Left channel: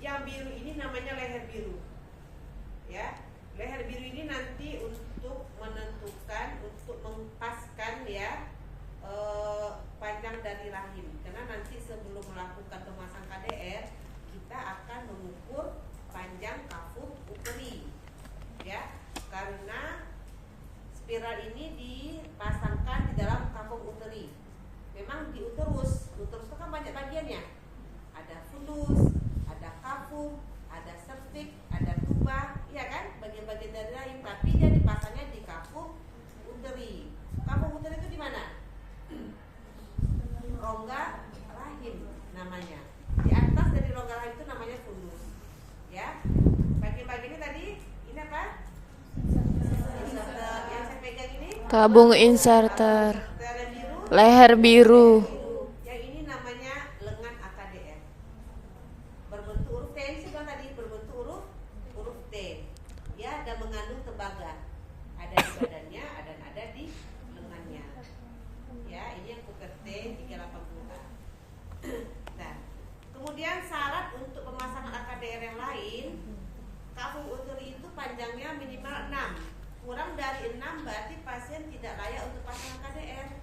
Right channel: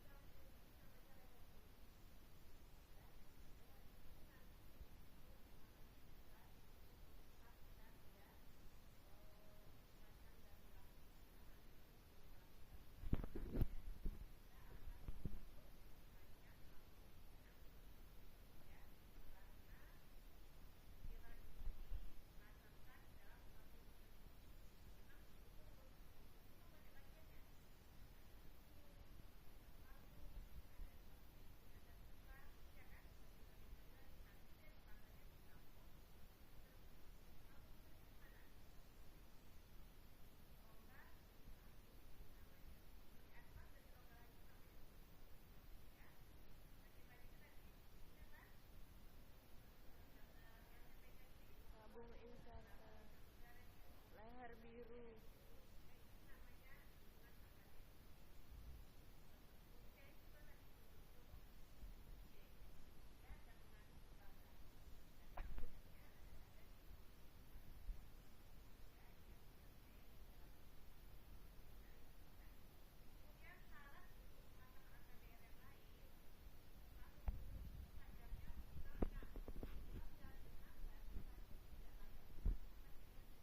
Yang biru ini namanya leher biru. Ya, leher biru ini nanti untuk menentukan, untuk mengpaskan ya panjang dari rahim. Karena nanti sebelum melakukan pemasangan KDR, kita akan mengukur panjang kafum uteri. Ya, karena spiral ini dipasangkan di dalam kafum uteri. Memang di uterus itu kan banyak bagiannya. Ada fundus, ada kafum, ada cervix, ada tuba, ya kan? Bagian-bagian dari rahim, tapi dia dipasangnya di kafum uteri. Kafum uteri itu di mana? Rongga rahim namanya. Di atas dari rongga rahim itu namanya fundus. Ya. Bagian-bagiannya tadi ini apa? Inserter. Yang saya pegang ini Tabung inserter. Leher biru. Yang ini namanya lengan AKDR. Berbentuk huruf T, ini sudah tadi berbentuk huruf T. Ya, dan mengandung tembaga. Ada di badannya, ada di lengannya. Ya, ini yang kuker T 380A. Nah, kemudian syarat untuk pemasangan AKDR yang lain, kafum uteri itu panjangnya minimal 6. Kurang dari 6 berarti pasien tidak layak untuk pasang KDR.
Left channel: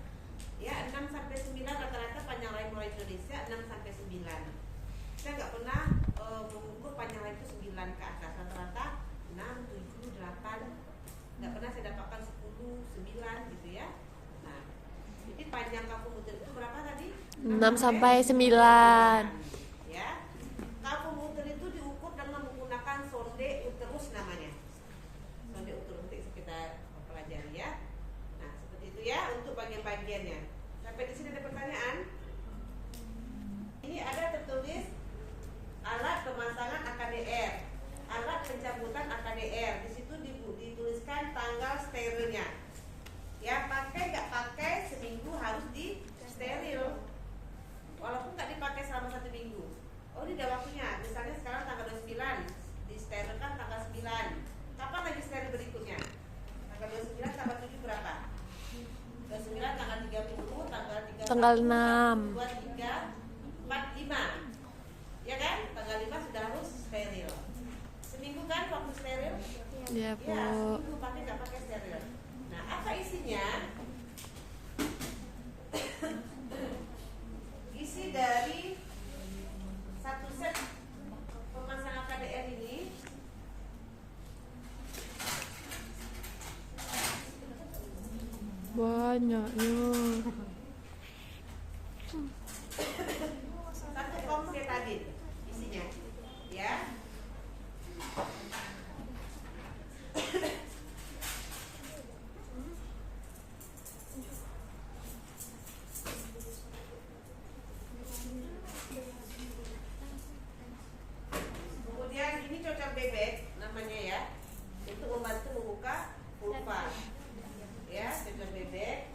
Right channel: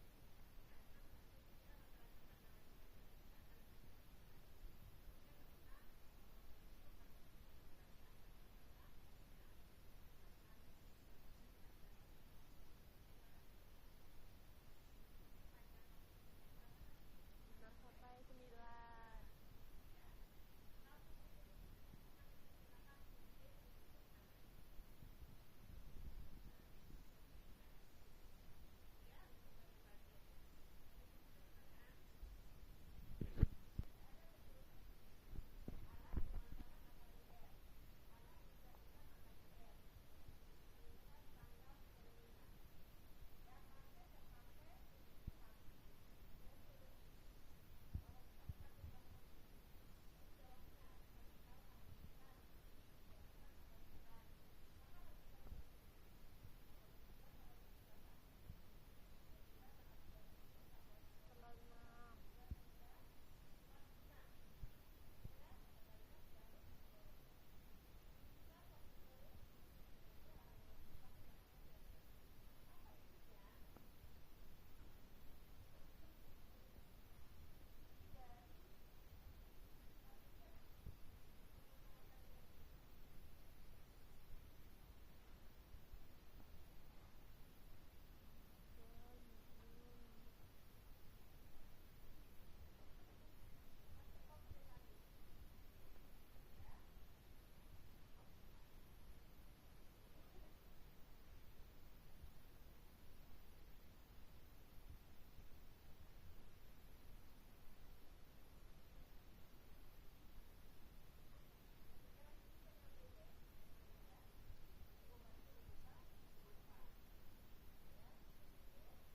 Ya, 6 sampai 9 rata-rata panjang rahim orang Indonesia 6 sampai 9. Saya nggak pernah mengukur panjang rahim itu 9 ke atas, rata-rata 6, 7, 8. Nggak pernah saya dapatkan 10, 9 gitu ya. Nah, jadi panjang kafum uteri itu berapa tadi? 6 sampai 9. Ya. Kafum uteri itu diukur dengan menggunakan sonde uterus namanya. Sonde uterus nanti kita pelajari ya. Nah, seperti itu ya untuk bagian-bagiannya. Sampai di sini ada pertanyaan? Ini ada tertulis alat pemasangan AKDR, alat pencabutan AKDR. Di situ dituliskan tanggal sterilnya. Ya, pakai nggak pakai seminggu harus di steril. Walaupun nggak dipakai selama 1 minggu. Oh, ini ada waktunya. Misalnya sekarang tanggal 29, disterilkan tanggal 9. Kapan lagi steril berikutnya? Tanggal 29, tanggal 7 berapa? 29, tanggal 30, Tanggal 6. 2, 3, 4, 5. Ya kan? Tanggal 5 sudah harus steril. Seminggu kan waktu steril? Iya, Bu. Ya, seminggu pakai nggak pakai steril. Nah, apa isinya? Isi dari satu set pemasangan KDR ini Banyaknya. satu komsetadin isinya, ya. Kemudian ini cocok bebek namanya ya, untuk membantu membuka vulva. Ya, cocok bebek.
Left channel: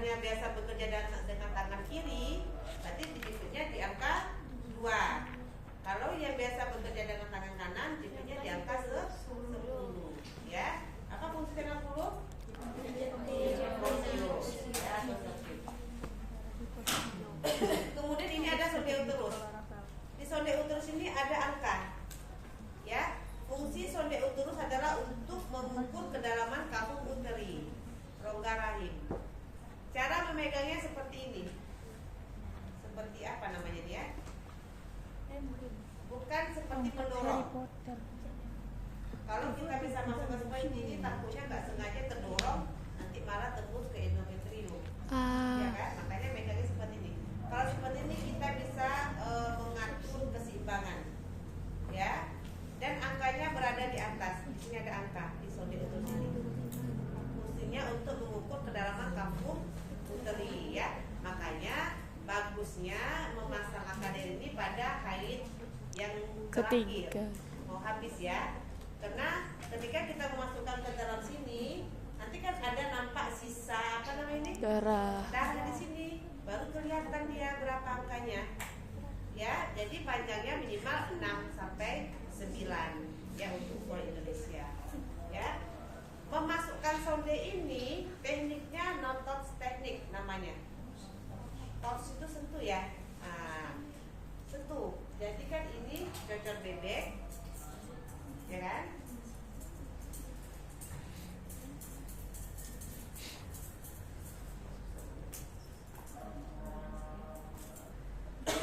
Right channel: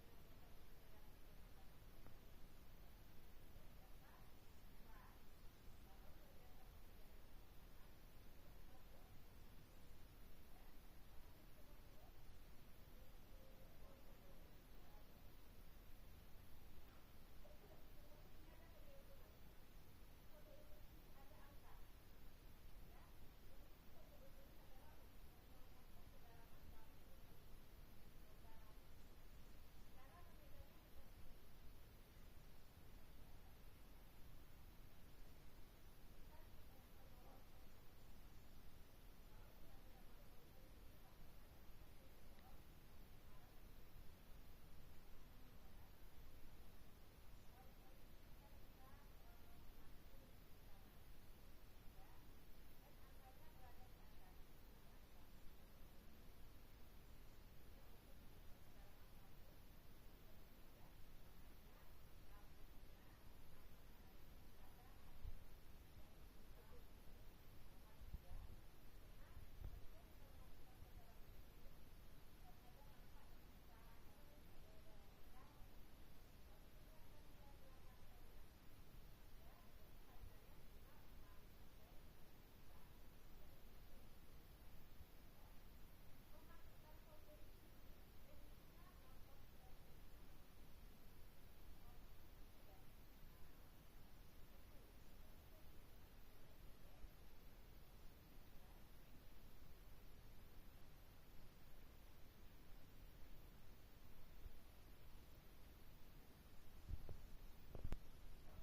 misalnya biasa bekerja dengan tangan kiri, berarti jepitnya di angka 2. Kalau yang biasa bekerja dengan tangan kanan, jepitnya di angka 10. Ya, apa fungsi 60? Kemudian ini ada sonde uterus. Di sonde uterus ini ada angka. Ya, fungsi sonde uterus adalah untuk mengukur kedalaman kafum uteri, rongga rahim. Cara memegangnya seperti ini. Seperti apa namanya dia? Bukan seperti mendorong. Kalau kita bisa masukkan seperti ini, takutnya nggak sengaja terdorong, nanti malah tembus ke endometrium. Ya kan? Makanya megangnya seperti ini. Kalau seperti ini kita bisa mengatur keseimbangan, ya. Dan angkanya berada di atas. Di sini ada angka di sonde uterus ini. Fungsinya untuk mengukur kedalaman kafum uteri, ya. Makanya bagusnya memasang AKD ini pada haid yang terakhir, ketiga. mau habis ya. Karena ketika kita memasukkan ke dalam sini, nanti kan ada nampak sisa apa namanya ini? Darah. Darah di sini, baru kelihatan dia berapa angkanya. Ya, jadi panjangnya minimal 6 sampai 9 ya untuk ukuran Indonesia. Ya. Memasukkan sonde ini tekniknya no touch teknik namanya. Touch itu sentuh ya. Nah, sentuh. Jadi kan ini cocor bebek, ya kan?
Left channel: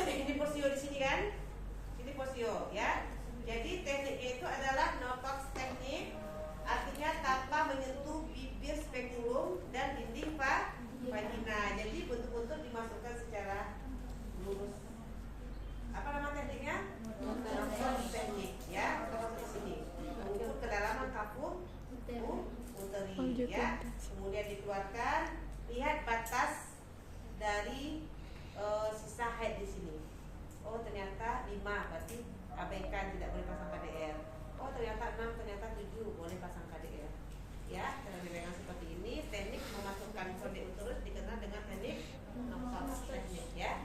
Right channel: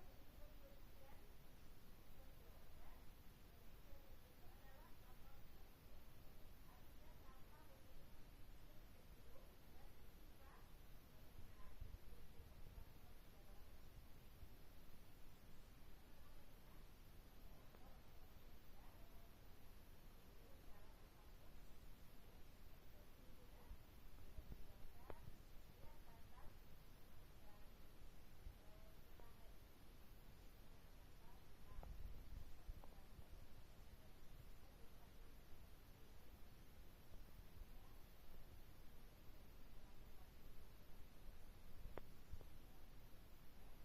Ini posio di sini kan? Ini posio ya. Jadi tekniknya itu adalah no touch teknik, artinya tanpa menyentuh bibir spekulum dan dinding vagina. Jadi betul-betul dimasukkan secara lurus. Apa nama tekniknya? No touch teknik ya. Kita masuk ke sini. Mengukur kedalaman kafum uteri ya. Kemudian dikeluarkan. Lihat batas dari sisa haid di sini. Oh ternyata 5, berarti abaikan, tidak boleh pasang KDR. Oh ternyata 6, ternyata 7, boleh pasang KDR. Ya, cara dipegang seperti ini. Teknik memasukkan sonde uterus dikenal dengan teknik no-touch teknik ya.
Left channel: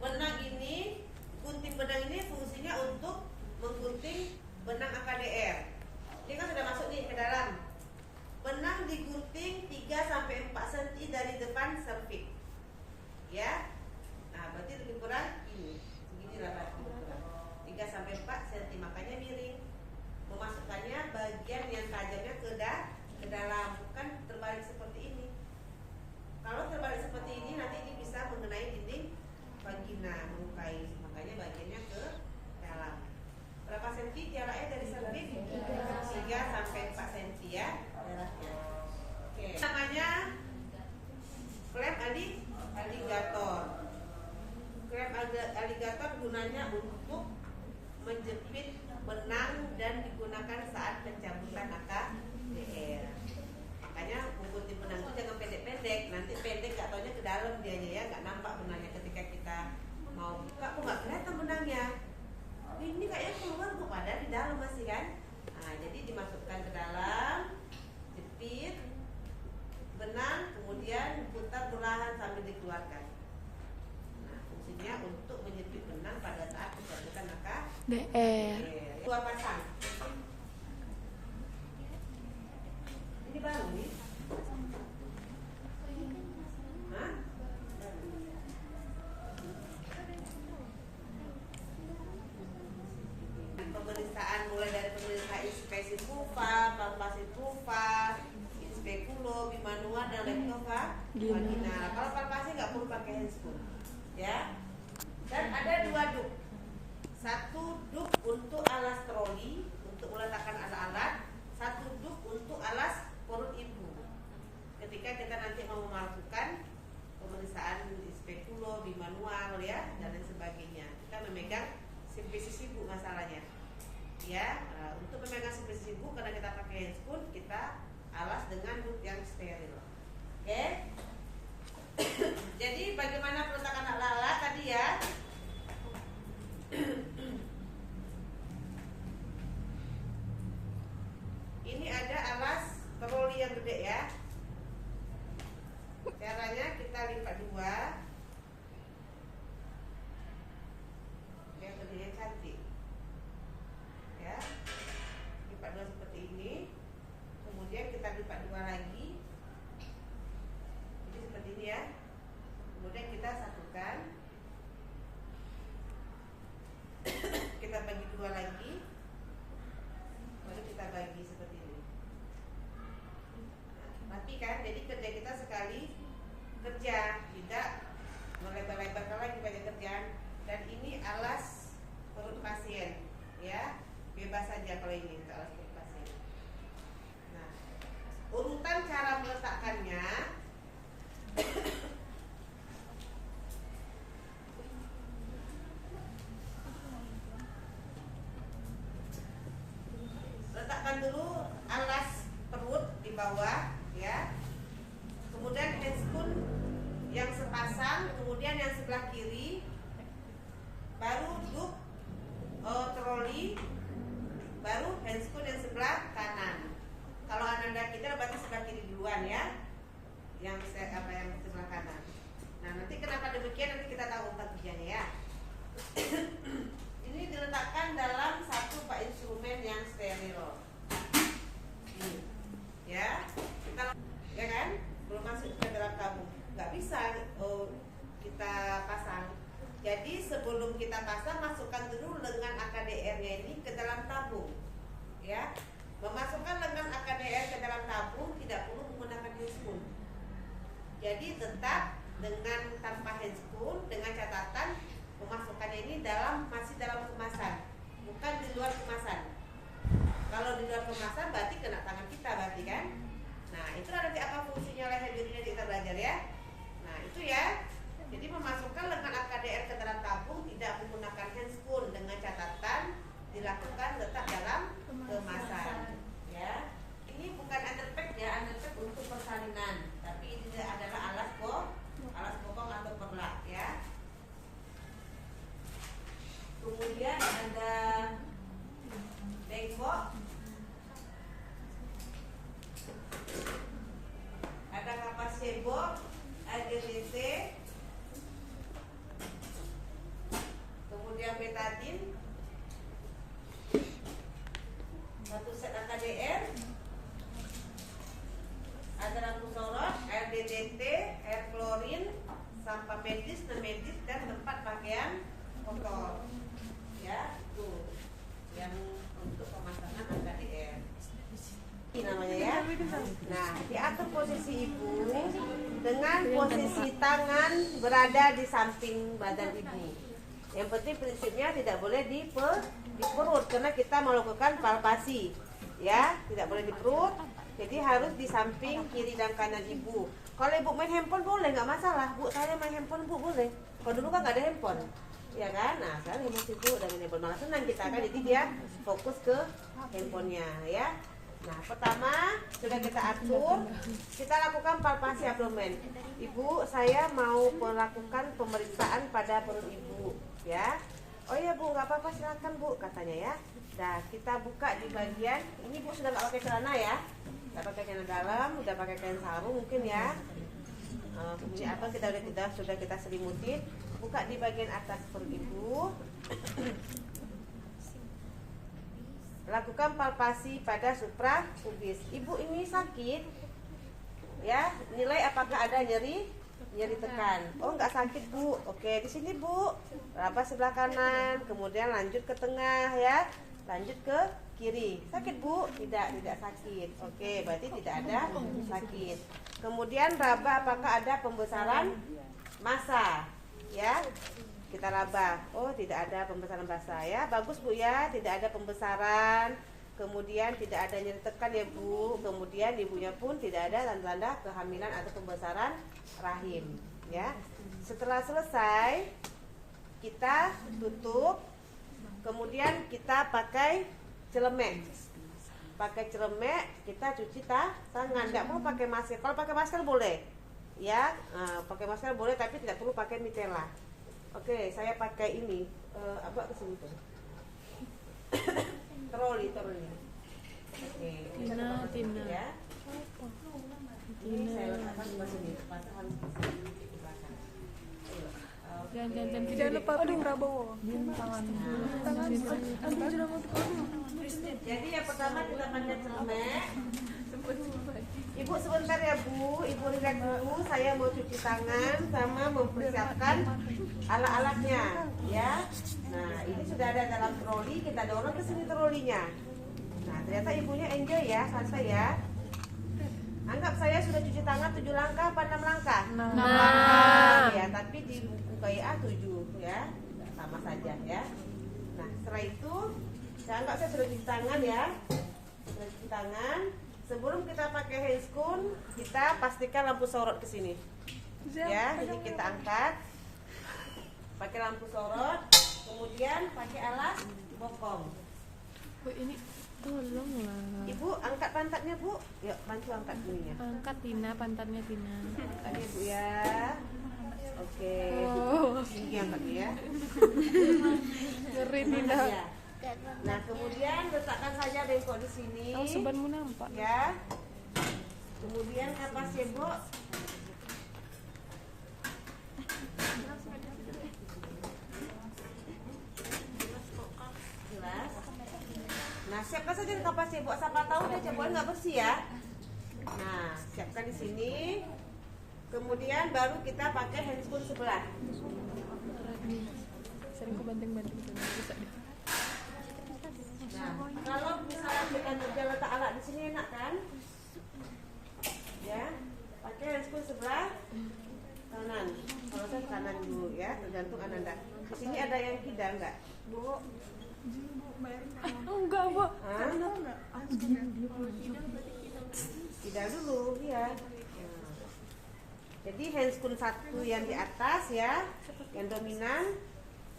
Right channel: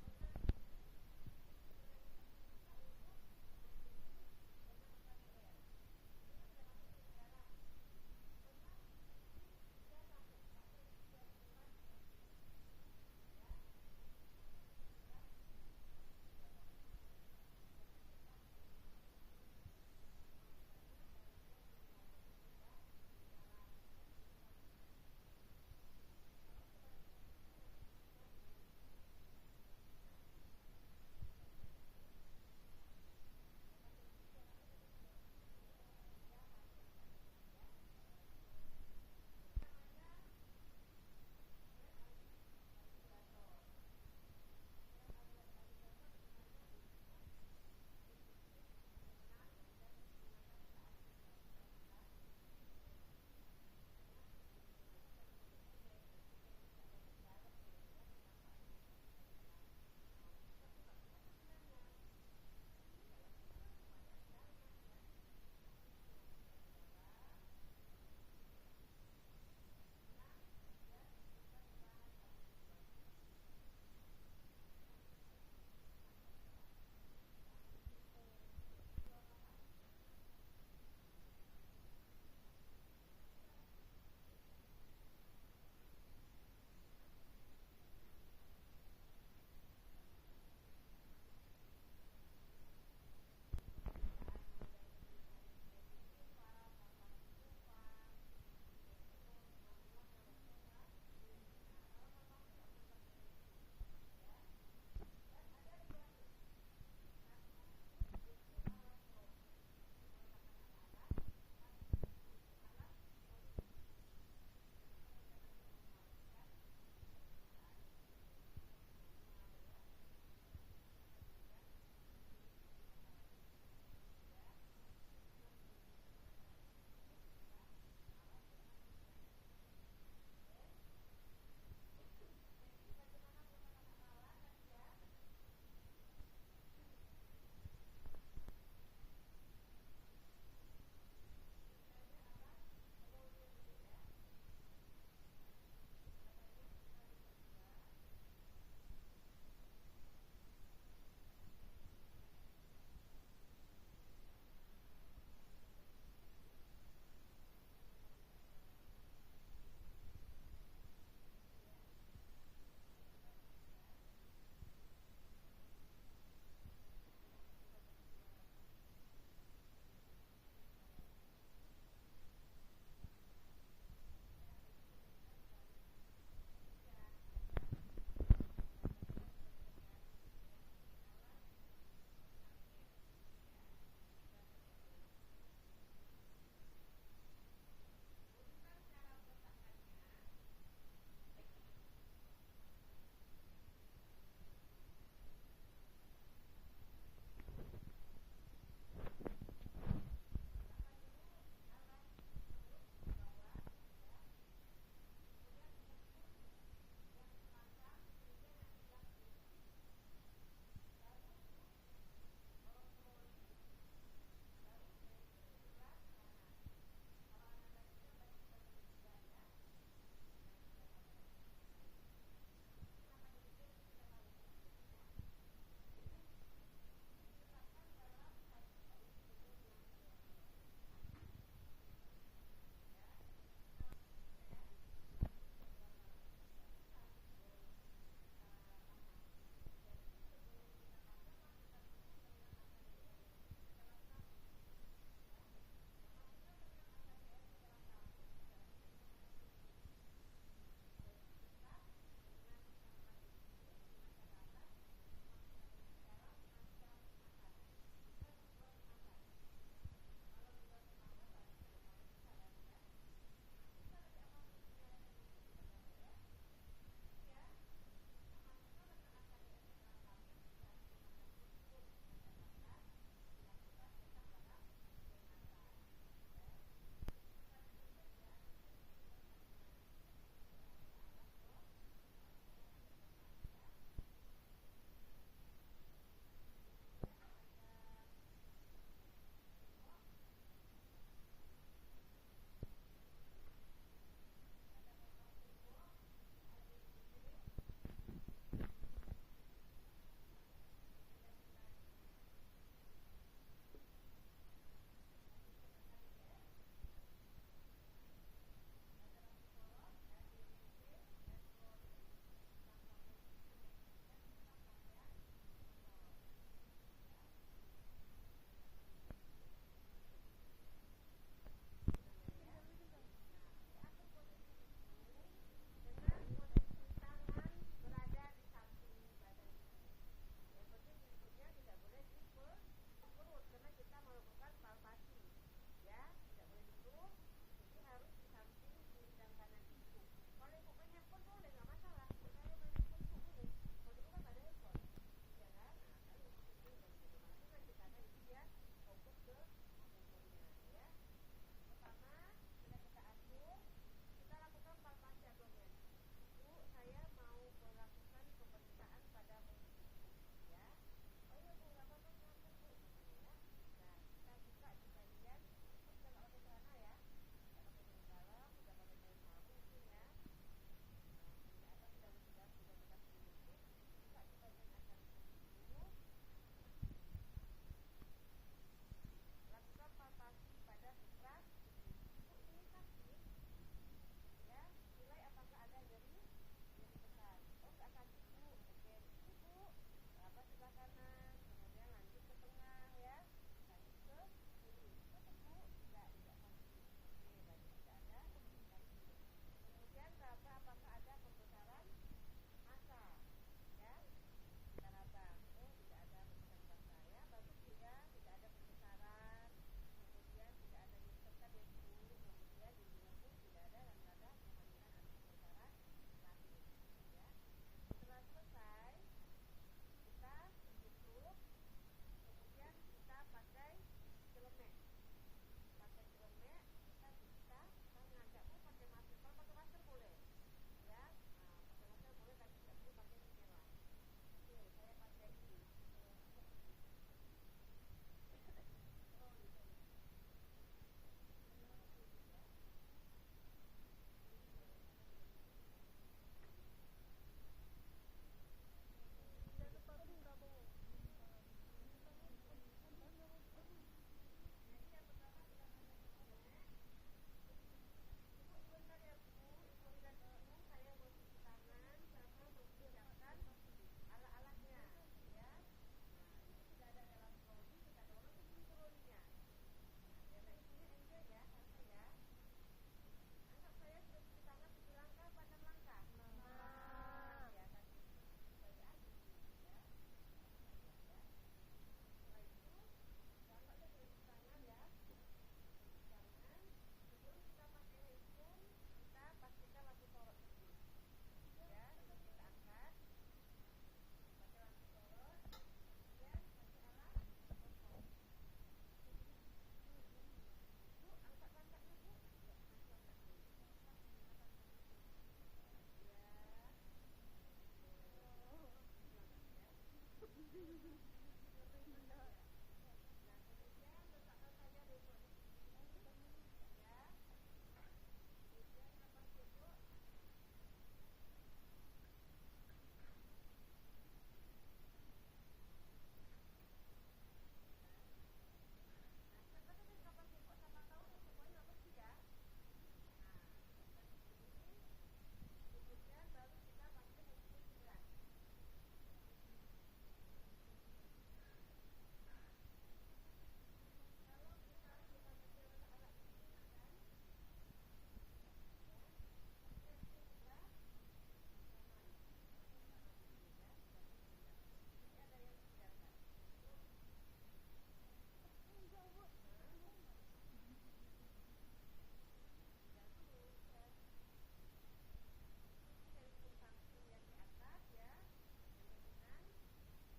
Benang ini, gunting benang ini fungsinya untuk menggunting benang AKDR. Ini kan sudah masuk nih ke dalam. Benang digunting 3-4 cm dari depan serviks. Ya. Nah, berarti lebih kurang ini. Beginilah berarti lebih kurang. 3-4 cm, makanya miring. Memasukkannya bagian yang tajamnya ke dalam, bukan terbalik seperti ini. Kalau terbalik seperti ini nanti ini bisa mengenai dinding vagina, melukai. Makanya bagiannya ke dalam. Berapa senti jaraknya dari serviks? 3-4 cm ya jaraknya. Oke. Namanya klem aligator. Klem aligator gunanya untuk menjepit benang dan digunakan saat pencabutan AKDR. Makanya menggunting benang itu jangan pendek-pendek. Nanti pendek gak taunya ke dalam dianya ya, gak nampak benangnya ketika kita mau buka. Kok gak kelihatan benangnya? Ini kayaknya keluar kok, padahal di dalam masih kan. Nah, jadi dimasukkan ke dalam, jepit benang, kemudian putar perlahan sambil dikeluarkan. Nah, fungsinya untuk menjepit benang pada saat pencabutan DR. 2 pasang. Ini baru nih. Hah? Pemeriksaan mulai dari pemeriksaan inspeksi vulva, palpasi vulva, inspekulo, bimanua dan vagina. Kalau palpasi nggak perlu pakai handscoon, ya. Dan ada 2 duk. 1 duk untuk alas troli untuk meletakkan alat-alat, 1 duk untuk alas perut ibu. Ketika kita nanti mau melakukan pemeriksaan inspekulo, bimanual ya dan lain sebagainya, kita memegang simplisis ibu masalahnya. Ya, untuk memegang simplisis ibu karena kita pakai handscoon, kita alas dengan duk yang steril. Oke? masukkan dulu alas perut di bawah, ya. Kemudian handscoon yang sepasang, kemudian yang sebelah kiri, baru duduk troli, baru handscoon yang sebelah kanan. Kalau Ananda kita berarti sebelah kiri duluan ya, yang sebelah kanan. Nah nanti kenapa demikian nanti kita tahu kerjanya ya. Ini diletakkan dalam satu instrumen yang steril. Ini, ya, kita, ya kan, belum masuk ke dalam tabung, nggak bisa kita pasang. Jadi sebelum kita pasang, masukkan dulu lengan AKDR-nya ini ke dalam tabung, ya. Memasukkan lengan AKDR ke dalam tabung tidak perlu menggunakan handscoon. Jadi tetap dengan tanpa handscoon, dengan catatan memasukkannya ini masih dalam kemasan, bukan di luar kemasan. Kalau di luar kemasan berarti kena tangan kita berarti kan. Nah itu nanti apa fungsinya leher dirinya kita belajar ya. Nah itu ya. Jadi memasukkan lengan AKDR ke dalam tabung tidak menggunakan handscoon, dengan catatan dilakukan tetap dalam kemasan. Ya. Ini bukan underpack ya, underpack untuk persalinan, tapi ini adalah alas bokong atau perlak ya. Kemudian ada bengkok, ada kapas cebok, AGDC, kemudian betadin, satu set AKDR, ada lampu sorot, air DDT, air klorin, sampah medis, non-medis, dan tempat pakaian kotor. Ya, tuh yang untuk pemasangan AKDR. Ini namanya ya. Nah, diatur posisi ibu dengan posisi tangan berada di samping badan ibu. Yang penting prinsipnya tidak boleh di perut karena kita melakukan palpasi, ya, tidak boleh di perut. Jadi harus di samping kiri dan kanan ibu. Kalau ibu main handphone boleh, nggak masalah. Bu, saya main handphone bu boleh. Kalau dulu kan nggak ada handphone, ya kan? Nah sekarang ibu sibuk dengan handphone, malah senang kita kan. Jadi dia fokus ke handphonenya, ya. Nah pertama sudah kita atur, kita lakukan palpasi abdomen. Ibu, saya mau melakukan pemeriksaan pada perut ibu, ya. Oh iya bu, nggak apa-apa silakan bu, katanya ya. Nah kita buka di bagian ini, bu sudah nggak pakai celana ya, nggak pakai celana dalam, udah pakai kain sarung mungkin ya. Kemudian apa sudah kita selimutin. Buka di bagian atas perut ibu. Lakukan palpasi pada suprapubis. Ibu ini sakit, ya. Nilai apakah ada nyeri tekan. Oh nggak sakit bu. Oke di sini bu. Raba sebelah kanan, kemudian lanjut ke tengah ya. Lanjut ke kiri. Sakit bu? Tidak sakit. Oke, berarti tidak ada sakit. Kemudian raba apakah ada pembesaran massa, ya. Kita raba. Oh, tidak ada pembesaran massa ya. Bagus bu ya, tidak ada pembesaran. Kemudian tidak ada nyeri tekan ya bu. Kemudian ibunya pun tidak ada tanda-tanda kehamilan atau pembesaran rahim, ya. Setelah selesai, kita tutup. Kemudian kita pakai celemek. Pakai celemek kita cuci tangan. Nggak perlu pakai masker. Kalau pakai masker boleh, ya. Pakai masker boleh, tapi tidak perlu pakai mitela. Oke, saya pakai ini. Apa kesini tuh? Troli. Oke, Tina. ya. Ini saya letakkan di sini. Pasang di belakang. Jangan lupa Prabowo. Jadi yang pertama kita pakai celemek. Ibu sebentar ya bu, ibu relax dulu. Saya mau cuci tangan sama mempersiapkan alat-alatnya, ya. Nah ini sudah ada dalam troli, kita dorong ke sini trolinya. Nah ternyata ibunya enjoy ya, santai ya. Anggap saya sudah cuci tangan 7 langkah apa 6 langkah? 6 langkah. Ya, tapi di buku KIA 7 ya. Sama saja ya. Nah, setelah itu saya anggap saya sudah cuci tangan ya. Sudah cuci tangan. Sebelum kita pakai handscoon, kita pastikan lampu sorot ke sini. Ya, jadi kita angkat. Pakai lampu sorot, kemudian pakai alas bokong. Bu ini tolong lah. Bu, angkat pantatnya Bu. Yuk, bantu angkat ininya. Angkat Tina, pantatnya Tina. Angkatnya Bu ya. Oke. Oh. Tinggi angkatnya ya. Ngeri Tina. Ya. Nah, kemudian letakkan saja bengkok di sini. Oh, sebanmu nampak. Ya. Kemudian kapas cebok. Jelas. Nah, siapkan saja kapas cebok. Siapa tahu deh ceboknya nggak bersih ya. Nah, siapkan di sini. Kemudian baru kita pakai handscoon sebelah. Sering ku banting-banting bisa deh. Nah, kalau misalnya kita letak alat di sini enak kan? Ya, pakai handscoon sebelah kanan. Kalau saya kanan dulu ya, tergantung Ananda. Di sini ada yang kidal nggak, Bu? Enggak, Bu. Hah? Kidal dulu, ya. Jadi handscoon satu yang di atas ya, yang dominan.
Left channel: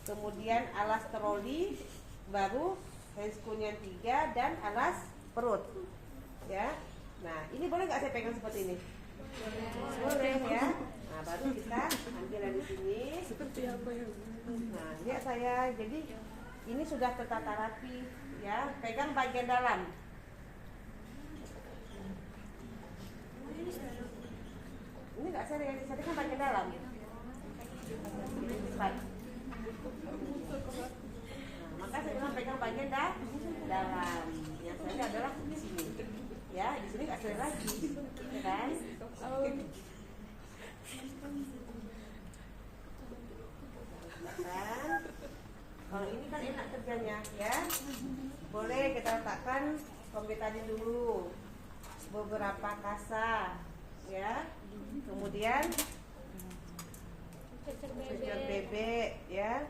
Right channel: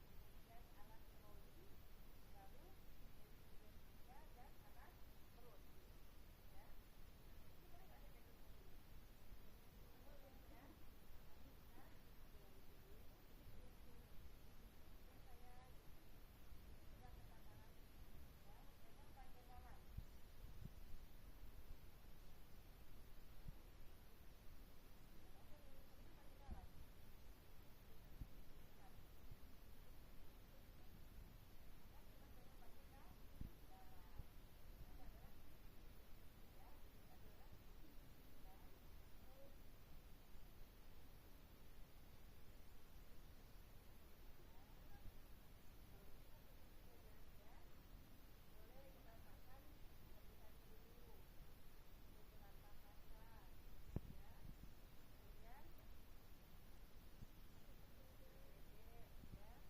Kemudian alas troli, baru handscoon yang 3 dan alas perut. Ya. Nah, ini boleh nggak saya pegang seperti ini? Boleh ya. Nah, baru kita ambil dari sini. Seperti apa ya? Nah, lihat saya. Jadi ini sudah tertata rapi ya. Pegang bagian dalam. Ini nggak saya kan bagian dalam. Nah, maka saya bilang pegang bagian dalam. Yang saya adalah di sini. Ya, di sini nggak saya lagi, ya kan? Kalau ini kan enak kerjanya, ya. Boleh kita letakkan tadi dulu beberapa kasa, ya. Kemudian cecer bebek, ya.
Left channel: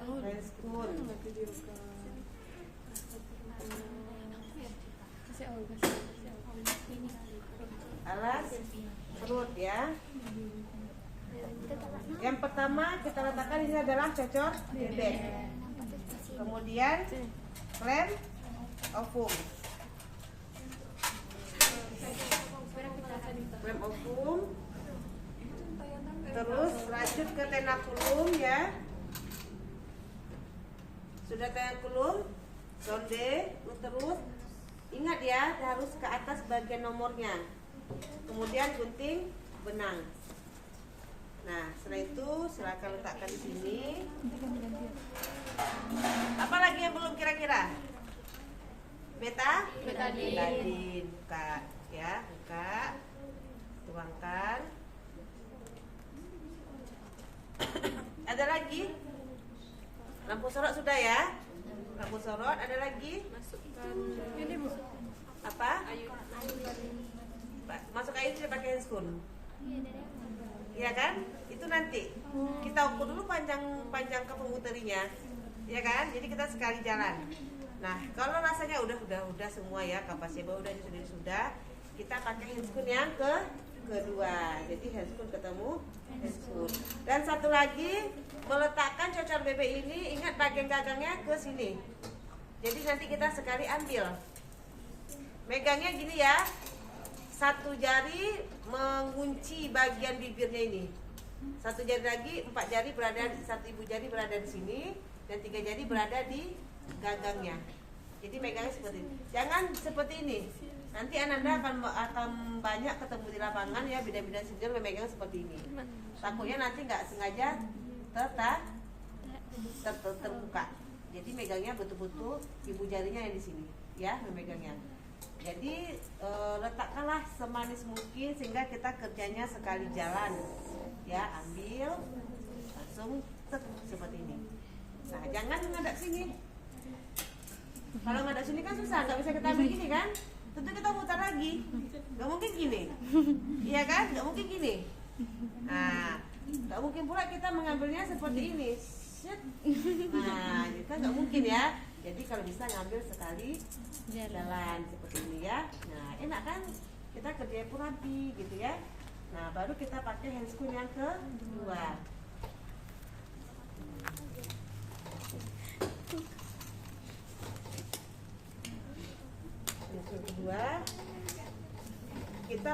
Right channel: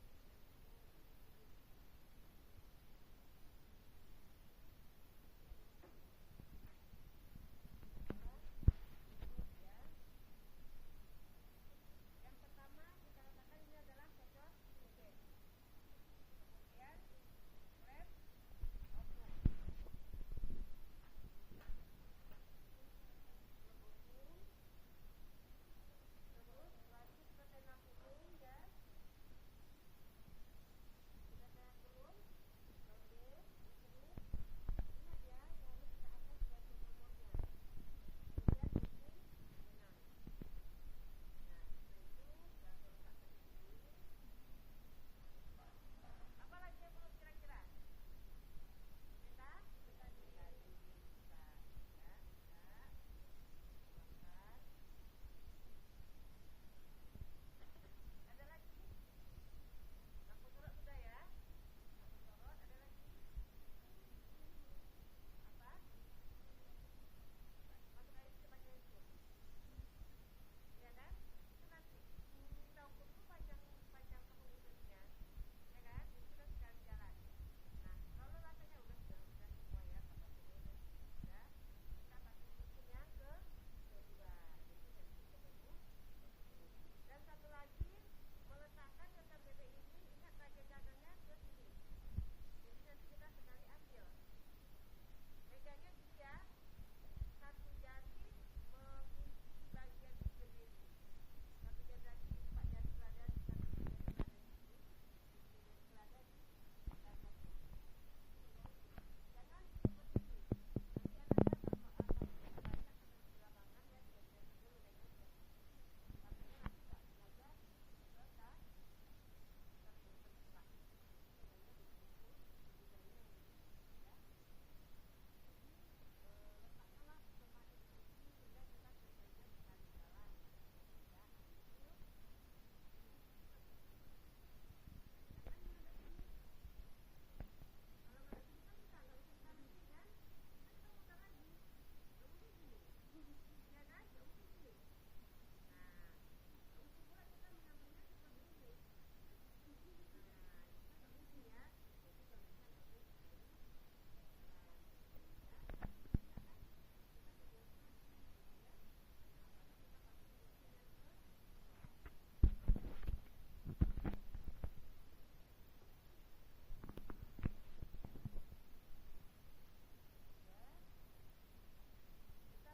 Handscoon. Alas perut ya. Yang pertama kita letakkan ini adalah cocor bebek. Kemudian klem ovum. Klem ovum. Terus lanjut ke tenakulum ya. Sudah tenakulum, sonde, terus ingat ya harus ke atas bagian nomornya. Kemudian gunting benang. Nah, setelah itu silakan letakkan di sini. Apa lagi yang belum kira-kira? Betadin. Betadin. Buka ya, buka. Tuangkan. Ada lagi? Lampu sorot sudah ya? Lampu sorot ada lagi? Masukkan ini, Bu. Apa? Masuk air sudah pakai handscoon. Iya kan? Itu nanti kita ukur dulu panjang ke pemuterinya, ya kan? Jadi kita sekali jalan. Nah, kalau rasanya udah semua ya, kapasnya sudah, kita pakai handscoon yang kedua. Jadi handscoon ketemu handscoon. Dan satu lagi, meletakkan cocor bebek ini, ingat bagian gagangnya ke sini. Jadi nanti kita sekali ambil. Megangnya gini ya. Satu jari mengunci bagian bibirnya ini. Satu jari lagi, 4 jari berada, satu ibu jari berada di sini, dan 3 jari berada di gagangnya. Jadi megangnya seperti ini. Jangan seperti ini. Nanti Ananda akan banyak ketemu di lapangan ya, bidan-bidan senior memegang seperti ini. Takutnya nanti nggak sengaja terbuka. Jadi megangnya betul-betul ibu jarinya yang di sini, ya memegangnya. Jadi letakkanlah semanis mungkin sehingga kita kerjanya sekali jalan, ya ambil langsung seperti ini. Nah jangan ngadap sini. Kalau ngadap sini kan susah, nggak bisa kita ambil gini kan? Tentu kita putar lagi, nggak mungkin gini, iya kan? Nggak mungkin gini. Nah nggak mungkin pula kita mengambilnya seperti ini. Nah kita nggak mungkin ya. Jadi kalau bisa ngambil sekali jalan seperti ini ya. Nah enak kan, kita kerjanya pun rapi gitu ya. Nah baru kita pakai handscoon yang kedua.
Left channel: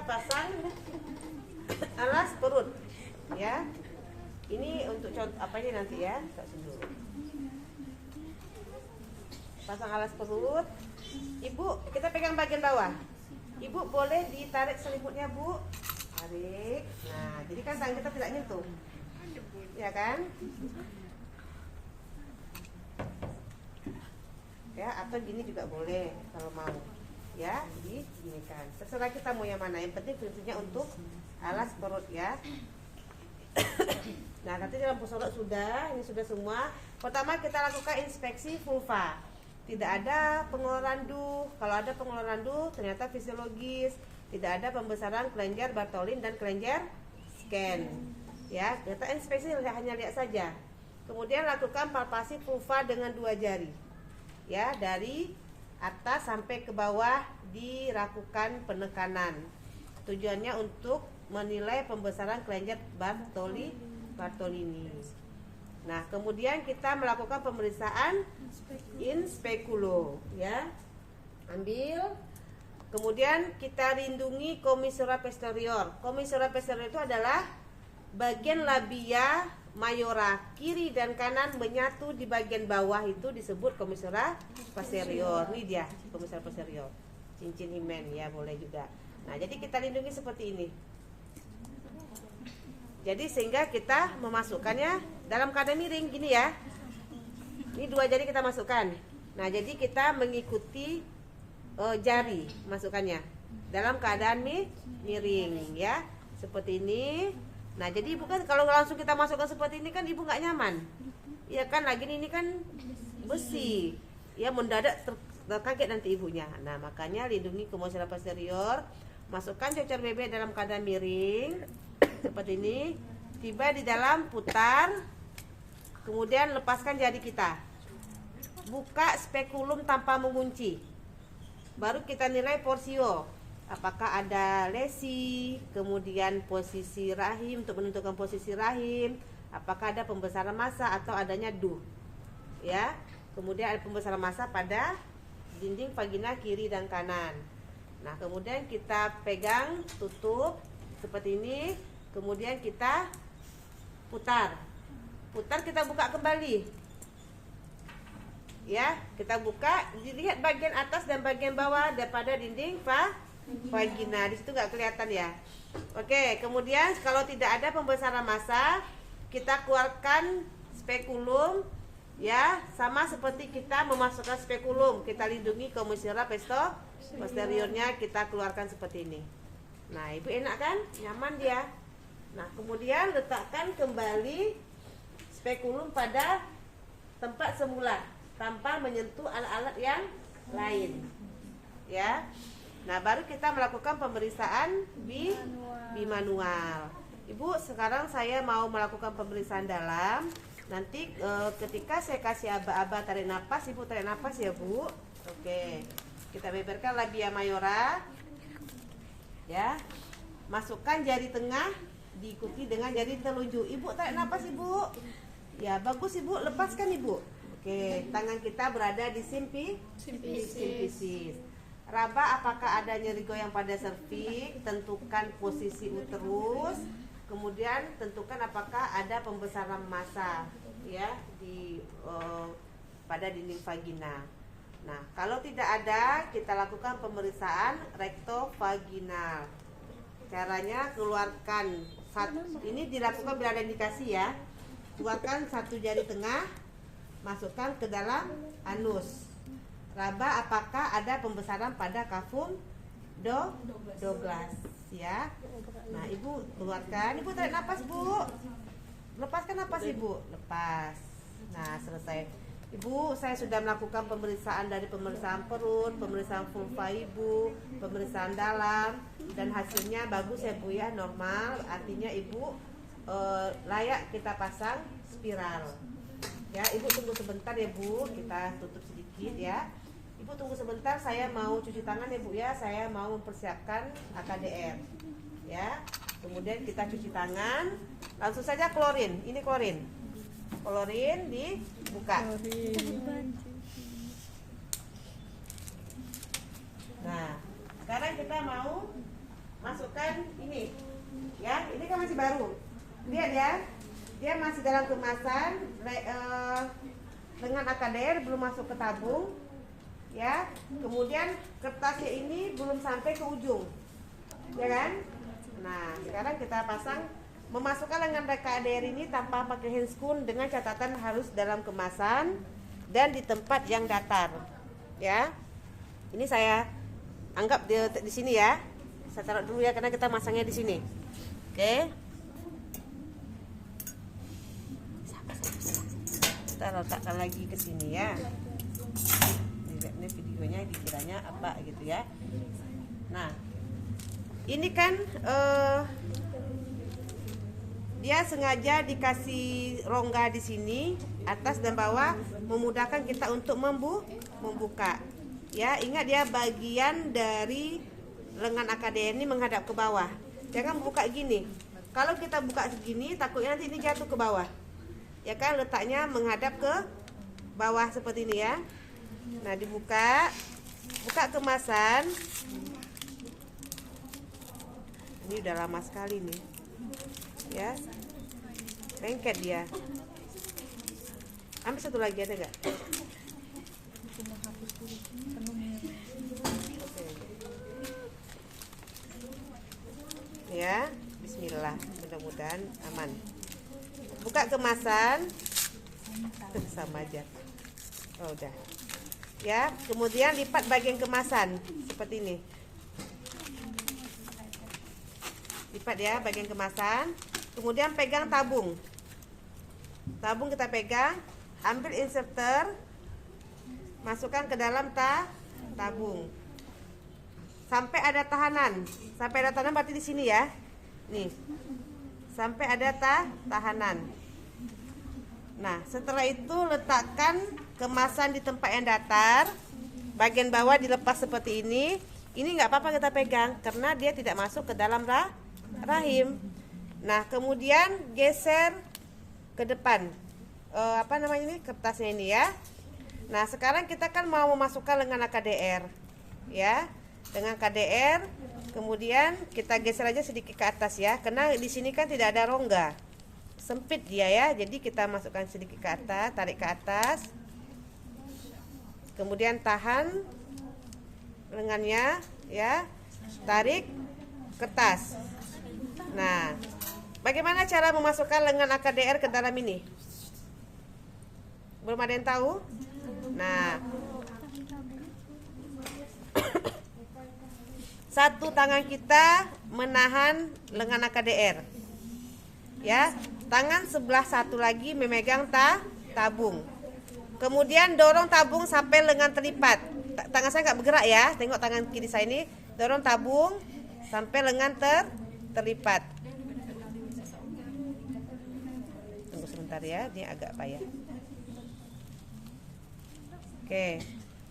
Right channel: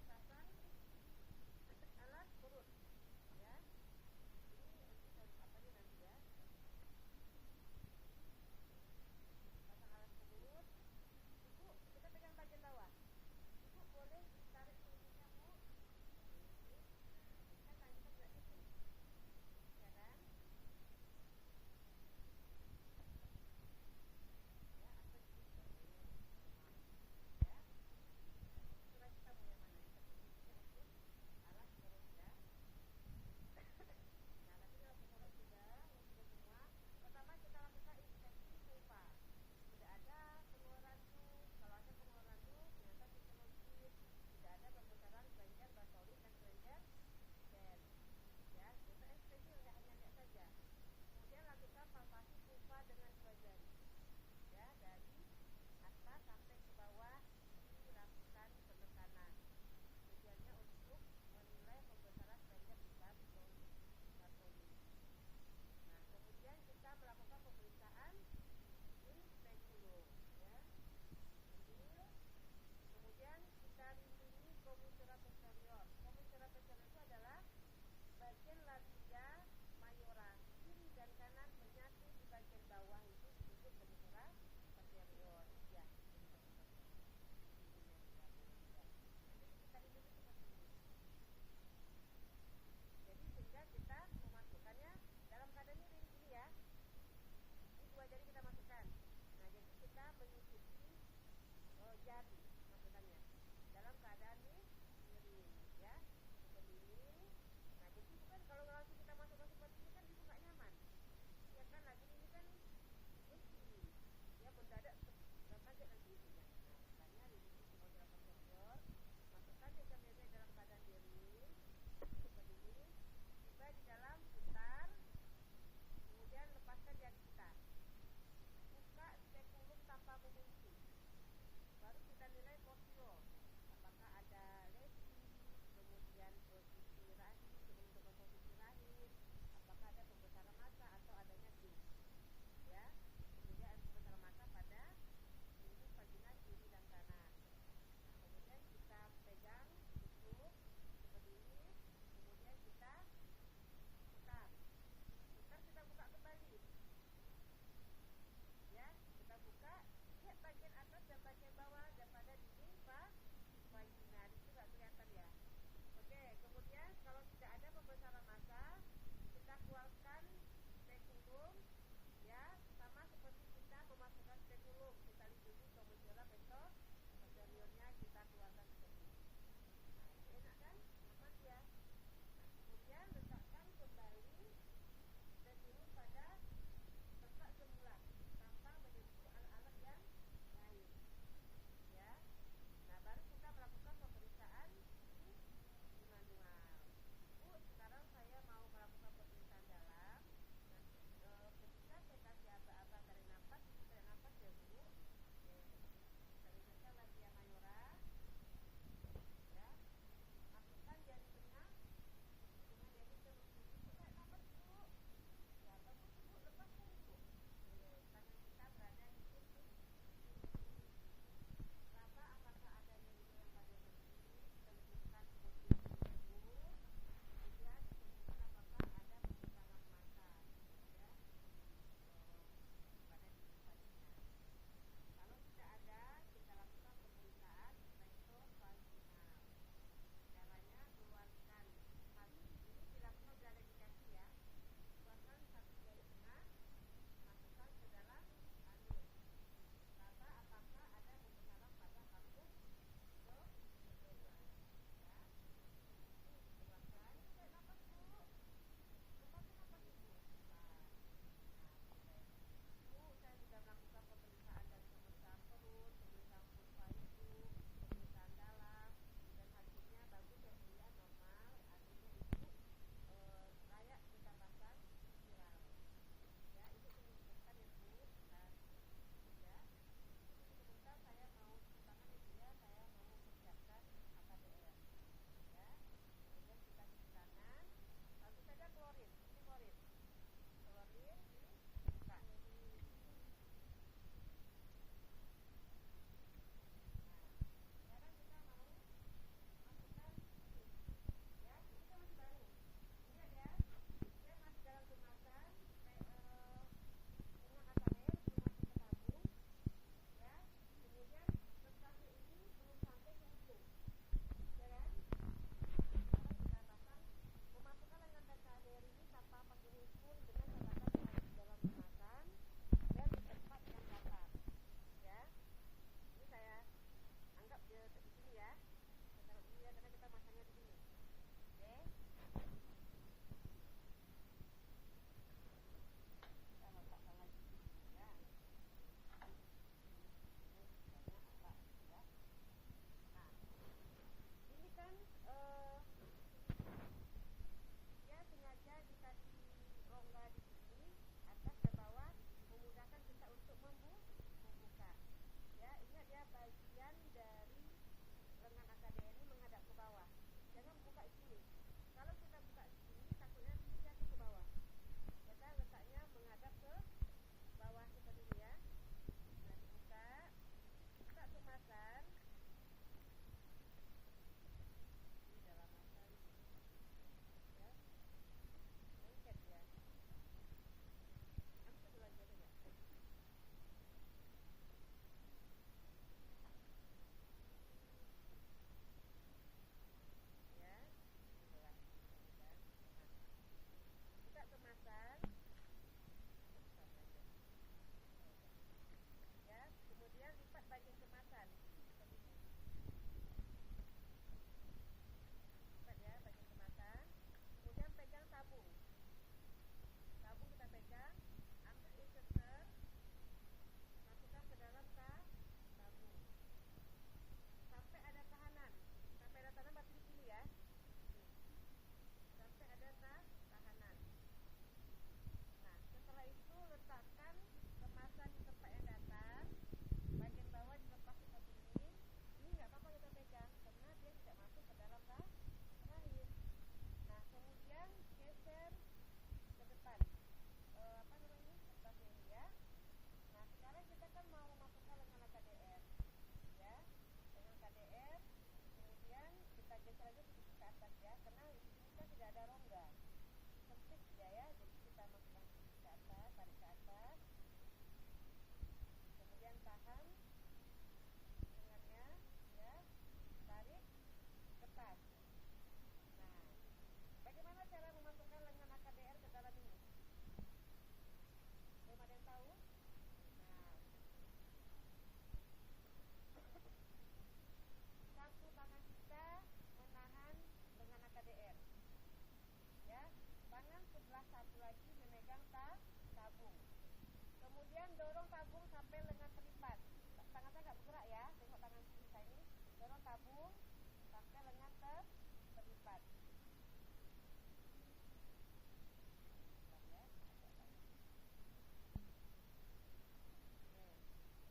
pasang alas perut, ya. Ini untuk contoh apa ini nanti ya? Tak dulu. Pasang alas perut. Ibu, kita pegang bagian bawah. Ibu boleh ditarik selimutnya, Bu. Tarik. Nah, jadi kan tangan kita tidak nyentuh. Ya kan? Ya, atau gini juga boleh kalau mau. Ya, jadi gini kan. Terserah kita mau yang mana. Yang penting fungsinya untuk alas perut ya. Nah, nanti dalam pusolog sudah, ini sudah semua. Pertama kita lakukan inspeksi vulva. Tidak ada pengeluaran duh. Kalau ada pengeluaran duh, ternyata fisiologis. Tidak ada pembesaran kelenjar Bartholin dan kelenjar scan. Ya, kita inspeksi hanya lihat saja. Kemudian lakukan palpasi vulva dengan 2 jari. Ya, dari atas sampai ke bawah dilakukan penekanan. Tujuannya untuk menilai pembesaran kelenjar Bartholini. Nah, kemudian kita melakukan pemeriksaan in speculo, ya. Ambil. Kemudian kita lindungi commissura posterior. Commissura posterior itu adalah bagian labia mayora kiri dan kanan menyatu di bagian bawah, itu disebut commissura posterior. Ini dia commissura posterior. Cincin himen ya, boleh juga. Nah, jadi kita lindungi seperti ini. Jadi sehingga kita memasukkannya dalam keadaan miring gini ya. Ini 2 jari kita masukkan. Nah, jadi kita mengikuti jari masukkannya dalam keadaan miring ya, seperti ini. Nah, jadi ibu kan kalau langsung kita masukkan seperti ini kan ibu nggak nyaman. Ya kan, lagi ini kan besi. Ya, mendadak terkaget nanti ibunya. Nah, makanya lindungi commissura posterior. Masukkan cocer bebek dalam keadaan miring seperti ini. Tiba di dalam, putar. Kemudian lepaskan jari kita. Buka spekulum tanpa mengunci. Baru kita nilai porsio. Apakah ada lesi, kemudian posisi rahim untuk menentukan posisi rahim, apakah ada pembesaran massa atau adanya duh. Ya. Kemudian ada pembesaran massa pada dinding vagina kiri dan kanan. Nah, kemudian kita pegang, tutup seperti ini, kemudian kita putar. Putar, kita buka kembali. Ya, kita buka, dilihat bagian atas dan bagian bawah daripada dinding vagina. Di situ nggak kelihatan ya. Oke, kemudian kalau tidak ada pembesaran massa, kita keluarkan spekulum ya, sama seperti kita memasukkan spekulum. Kita lindungi commissura posteriornya, kita keluarkan seperti ini. Nah, ibu enak kan? Nyaman dia. Nah, kemudian letakkan kembali spekulum pada tempat semula tanpa menyentuh alat-alat yang lain. Ya. Nah, baru kita melakukan pemeriksaan bimanual. Ibu, sekarang saya mau melakukan pemeriksaan dalam. Nanti ketika saya kasih aba-aba tarik nafas, ibu tarik nafas ya, Bu. Oke. Kita beberkan labia mayora. Ya. Masukkan jari tengah diikuti dengan jari telunjuk. Ibu tarik nafas, Ibu. Ya, bagus, Ibu. Lepaskan, Ibu. Oke, tangan kita berada di simfisis. Raba apakah ada nyeri goyang pada serviks, tentukan posisi uterus, kemudian tentukan apakah ada pembesaran massa ya di pada dinding vagina. Nah, kalau tidak ada, kita lakukan pemeriksaan rektovaginal. Caranya keluarkan ini dilakukan bila ada indikasi ya. Keluarkan 1 jari tengah, masukkan ke dalam anus. Raba apakah ada pembesaran pada kafum Douglas ya. Nah, ibu keluarkan. Ibu tarik nafas, Bu. Lepaskan nafas, Ibu. Lepas. Nah, selesai. Ibu, saya sudah melakukan pemeriksaan dari pemeriksaan perut, pemeriksaan vulva ibu, pemeriksaan dalam, dan hasilnya bagus ya, Bu ya, normal. Artinya ibu layak kita pasang spiral. Ya, ibu tunggu sebentar ya, Bu. Kita tutup sedikit ya. Ibu tunggu sebentar, saya mau cuci tangan ya, Bu ya. Saya mau mempersiapkan AKDR. Ya. Kemudian kita cuci tangan. Langsung saja klorin. Ini klorin. Klorin dibuka. Nah, sekarang kita mau masukkan ini. Ya, ini kan masih baru. Lihat ya. Dia masih dalam kemasan dengan AKDR, belum masuk ke tabung. Ya. Kemudian kertasnya ini belum sampai ke ujung. Ya kan? Nah, sekarang kita pasang, memasukkan lengan AKDR ini tanpa pakai handscoon dengan catatan harus dalam kemasan dan di tempat yang datar. Ya. Ini saya anggap di sini ya. Saya taruh dulu ya karena kita masangnya di sini. Oke. Kita letakkan lagi ke sini ya. Ini videonya dikiranya apa gitu ya. Nah, ini kan dia sengaja dikasih rongga di sini atas dan bawah, memudahkan kita untuk membuka. Ya, ingat dia bagian dari lengan AKDR ini menghadap ke bawah. Jangan buka gini. Kalau kita buka segini, takutnya nanti ini jatuh ke bawah. Ya kan, letaknya menghadap ke bawah seperti ini ya. Nah, dibuka, buka kemasan. Ini udah lama sekali nih. Ya, lengket dia. Ambil satu lagi, ada nggak? Ya, bismillah, mudah-mudahan aman. Buka kemasan. Sama aja. Oh, udah. Ya, kemudian lipat bagian kemasan seperti ini. Lipat ya bagian kemasan. Kemudian pegang tabung. Tabung kita pegang, ambil inserter, masukkan ke dalam tabung. Sampai ada tahanan. Sampai ada tahanan berarti di sini ya. Nih. Sampai ada tahanan. Nah, setelah itu letakkan kemasan di tempat yang datar. Bagian bawah dilepas seperti ini. Ini nggak apa-apa kita pegang karena dia tidak masuk ke dalam rahim. Nah, kemudian geser ke depan. Apa namanya ini? Kertasnya ini ya. Nah, sekarang kita kan mau memasukkan lengan AKDR. Ya. Dengan KDR, kemudian kita geser aja sedikit ke atas ya, karena di sini kan tidak ada rongga, sempit dia ya, jadi kita masukkan sedikit ke atas, tarik ke atas, kemudian tahan lengannya ya, tarik kertas. Nah, bagaimana cara memasukkan lengan AKDR ke dalam ini? Belum ada yang tahu? Nah, satu tangan kita menahan lengan AKDR. Ya, tangan sebelah satu lagi memegang tabung. Kemudian dorong tabung sampai lengan terlipat. Tangan saya nggak bergerak ya. Tengok tangan kiri saya ini. Dorong tabung sampai lengan terlipat. Tunggu sebentar ya, ini agak payah. Oke,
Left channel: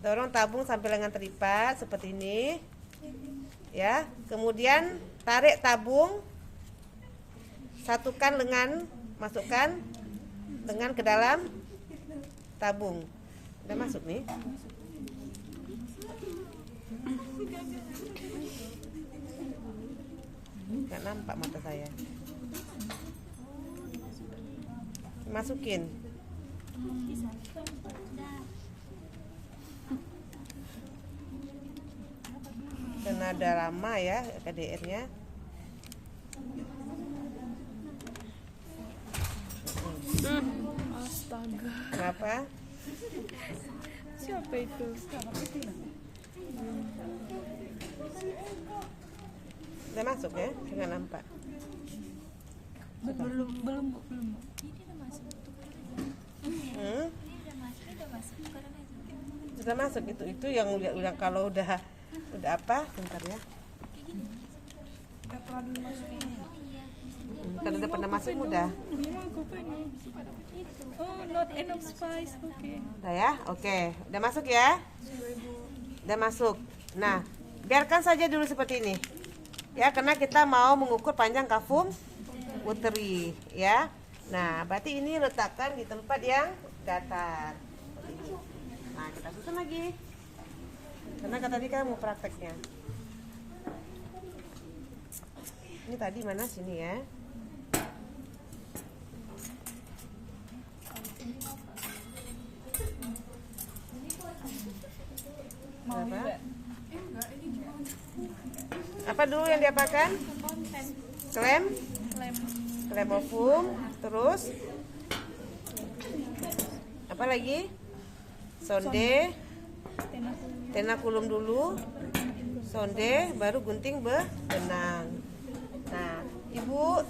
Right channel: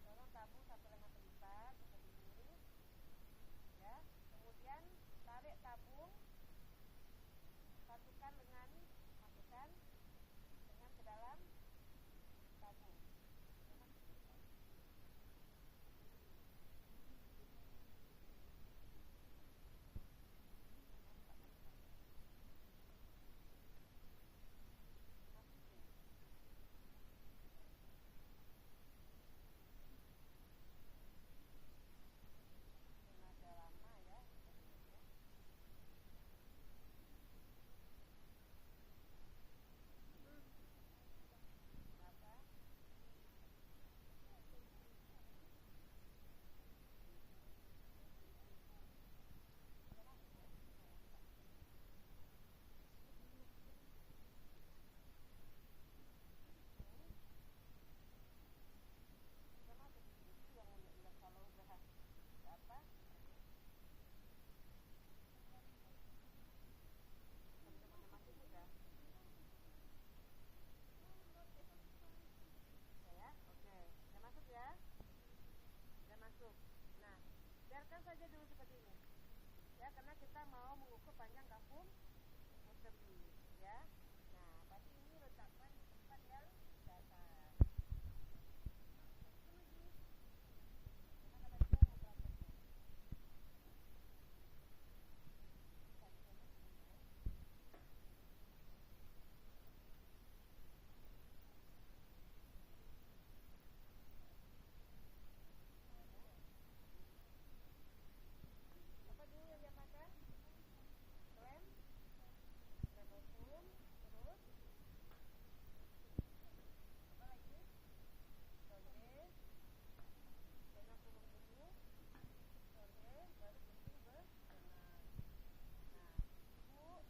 dorong tabung sampai lengan terlipat seperti ini. Ya, kemudian tarik tabung, satukan lengan, masukkan lengan ke dalam tabung. Udah masuk nih. Nggak nampak mata saya. Masukin. Karena ada lama ya KDR-nya. Astaga. Kenapa? Siapa itu? Udah masuk ya? Nggak nampak. Belum. Sudah masuk itu yang kalau udah apa? Bentar ya. Kalau udah pernah masuk udah. Oh, not enough spice. Oke. Udah ya? Oke. Udah masuk ya? Udah masuk. Nah, biarkan saja dulu seperti ini. Ya, karena kita mau mengukur panjang kafum uteri ya. Nah, berarti ini letakkan di tempat yang datar. Nah, kita susun lagi. Karena tadi kan mau prakteknya. Ini tadi mana sini ya? Berapa? Apa dulu yang diapakan? Klem, klem ovum, terus apa lagi? Sonde, tenakulum dulu, sonde, baru gunting benang. Nah, Ibu,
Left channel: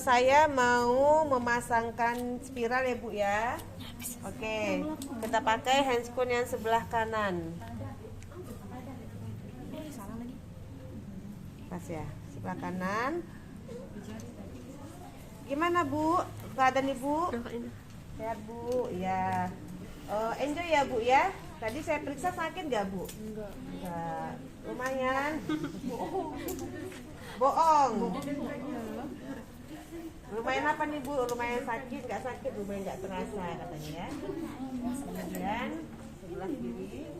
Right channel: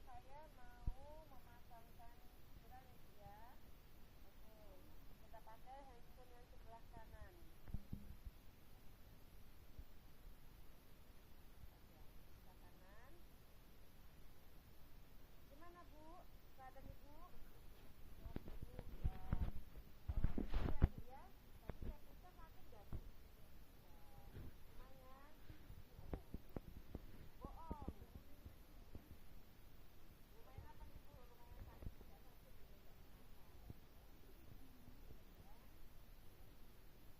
saya mau memasangkan spiral ya Bu ya. Oke, kita pakai handscoon yang sebelah kanan. Pas ya, sebelah kanan. Gimana Bu? Keadaan Ibu? Sehat Bu, ya. Enjoy ya Bu ya. Tadi saya periksa sakit gak Bu? Enggak. Lumayan. Bohong. Lumayan apa nih Bu? Lumayan sakit, gak sakit, lumayan gak terasa katanya ya. Kemudian sebelah kiri.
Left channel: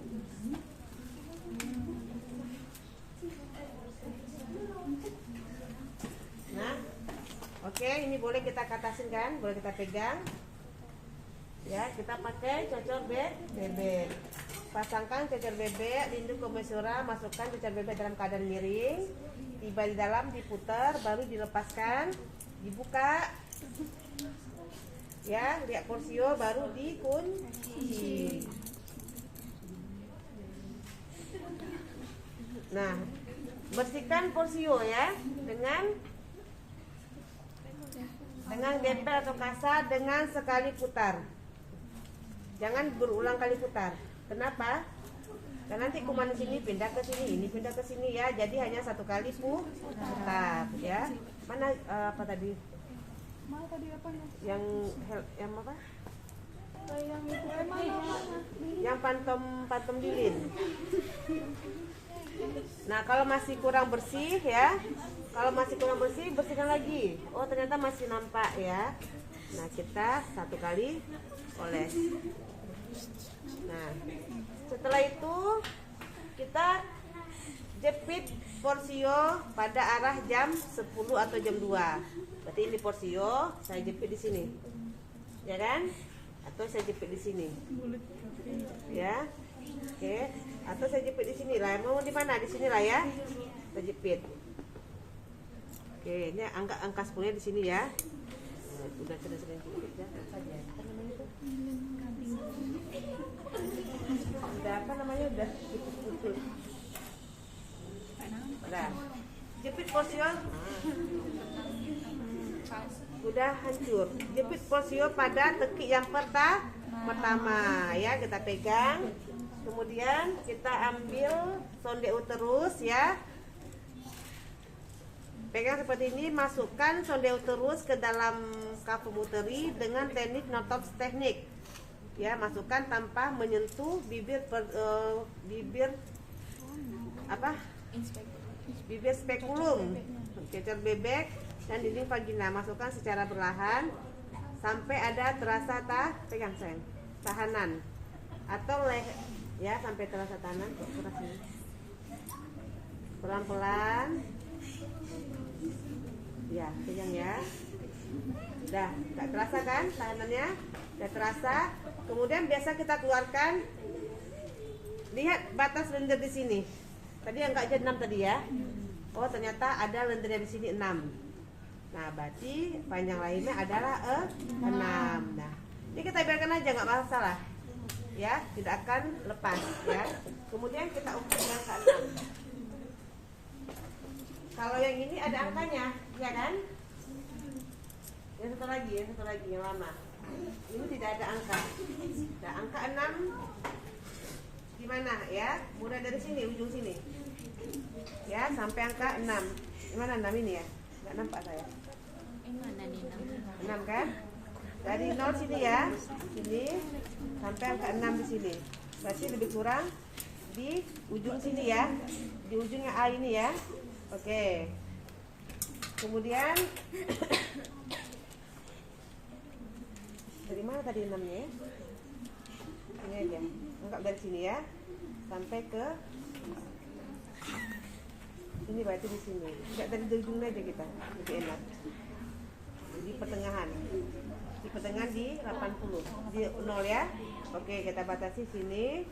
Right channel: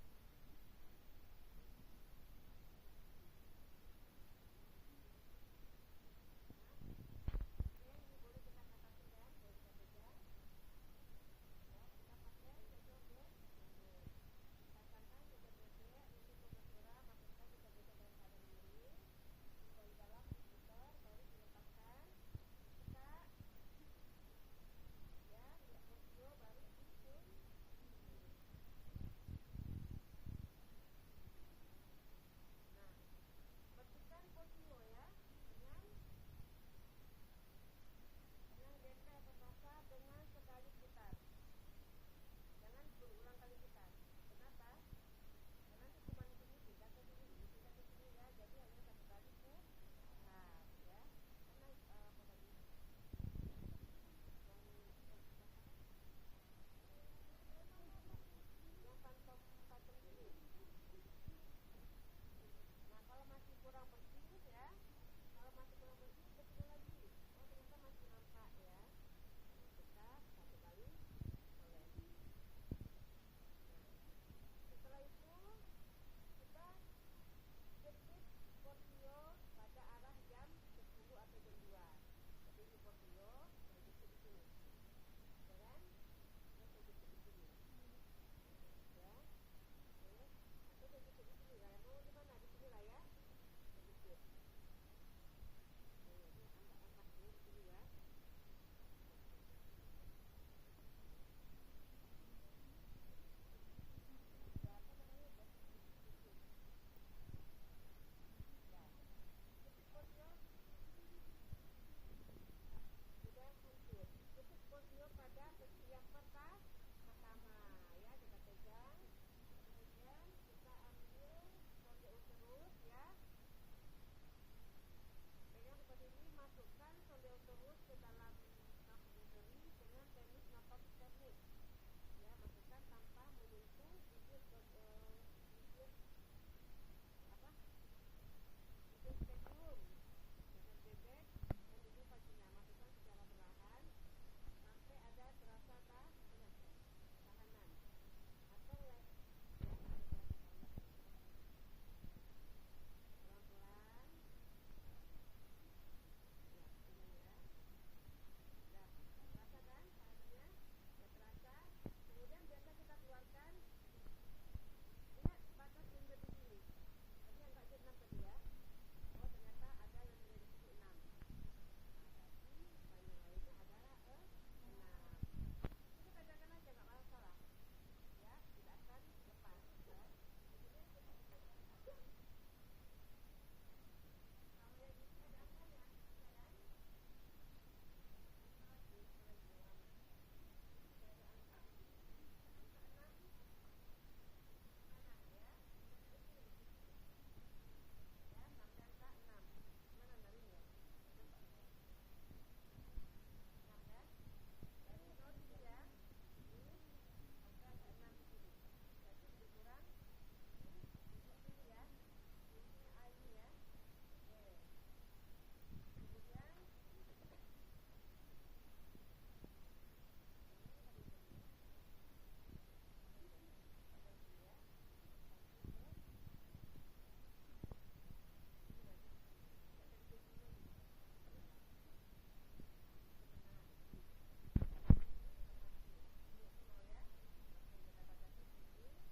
Nah, oke, ini boleh kita katasin kan? Boleh kita pegang. Ya, kita pakai cocor bebek. Pasangkan cocor bebek, lindung komensura, masukkan cocor bebek dalam keadaan miring. Tiba di dalam, diputar, baru dilepaskan, dibuka. Ya, lihat porsio, baru dikunci. Nah, bersihkan porsio ya dengan gempel atau kasar dengan sekali putar. Jangan berulang kali putar. Kenapa? Karena nanti kuman sini pindah ke sini, ini pindah ke sini ya. Jadi hanya satu kali putar ya. Mana apa tadi? Mana tadi apa? Yang apa? Yang itu mana? Yang pantom lilin. Nah, kalau masih kurang bersih ya. Kalau masih kurang bersih, bersihkan lagi. Oh, ternyata masih nampak ya. Nah, kita satu kali oles. Nah, setelah itu kita jepit porsio pada arah jam 10 atau jam 2. Berarti ini porsio, saya jepit di sini. Ya kan? Atau saya jepit di sini. Ya. Oke, atau saya jepit di sini lah. Mau di mana? Di sini lah ya. Saya jepit. Oke, ini angka 10 di sini ya. Nah, udah sering jepit ya. Saja. Apa namanya itu? Udah apa namanya? Udah putus. Udah. Jepit porsio. Udah hancur. Jepit porsio pada tekik yang pertama ya, kita pegang. Kemudian kita ambil sonde uterus ya. Pegang seperti ini, masukkan sonde uterus ke dalam kafum uteri dengan teknik Knottops teknik. Ya, masukkan tanpa menyentuh bibir bibir spekulum, cocor bebek dan dinding vagina. Masukkan secara perlahan sampai ada terasa pegang sayang, tahanan atau ya, sampai terasa tahanan. Pelan-pelan. Ya, pegang ya. Udah, gak terasa kan tahanannya? Udah terasa. Kemudian biasa kita keluarkan. Lihat batas lendir di sini. Tadi angka aja 6 tadi ya. Oh, ternyata ada lendirnya di sini 6. Nah, berarti panjang lainnya adalah 6. Nah, ini kita biarkan aja, nggak masalah. Ya, tidak akan lepas ya. Kemudian kita ukur dengan angka 6. Kalau yang ini ada angkanya, ya kan? Yang satu lagi yang lama. Ini tidak ada angka. Nah, angka 6 di mana ya? Mulai dari sini, ujung sini. Ya, sampai angka 6. Di mana 6 ini ya? Nggak nampak saya. Ini mana nih 6 kan? Dari 0 sini ya. Sini sampai angka 6 di sini. Berarti lebih kurang di ujung sini ya. Di ujungnya A ini ya. Oke. Kemudian dari mana tadi 6-nya ya? Ini aja. Anggap dari sini ya. Sampai ke Ini berarti di sini. Enggak dari ujung aja kita. Lebih enak. Di pertengahan. Di pertengahan di 80. Di 0 ya. Oke, kita batasi sini.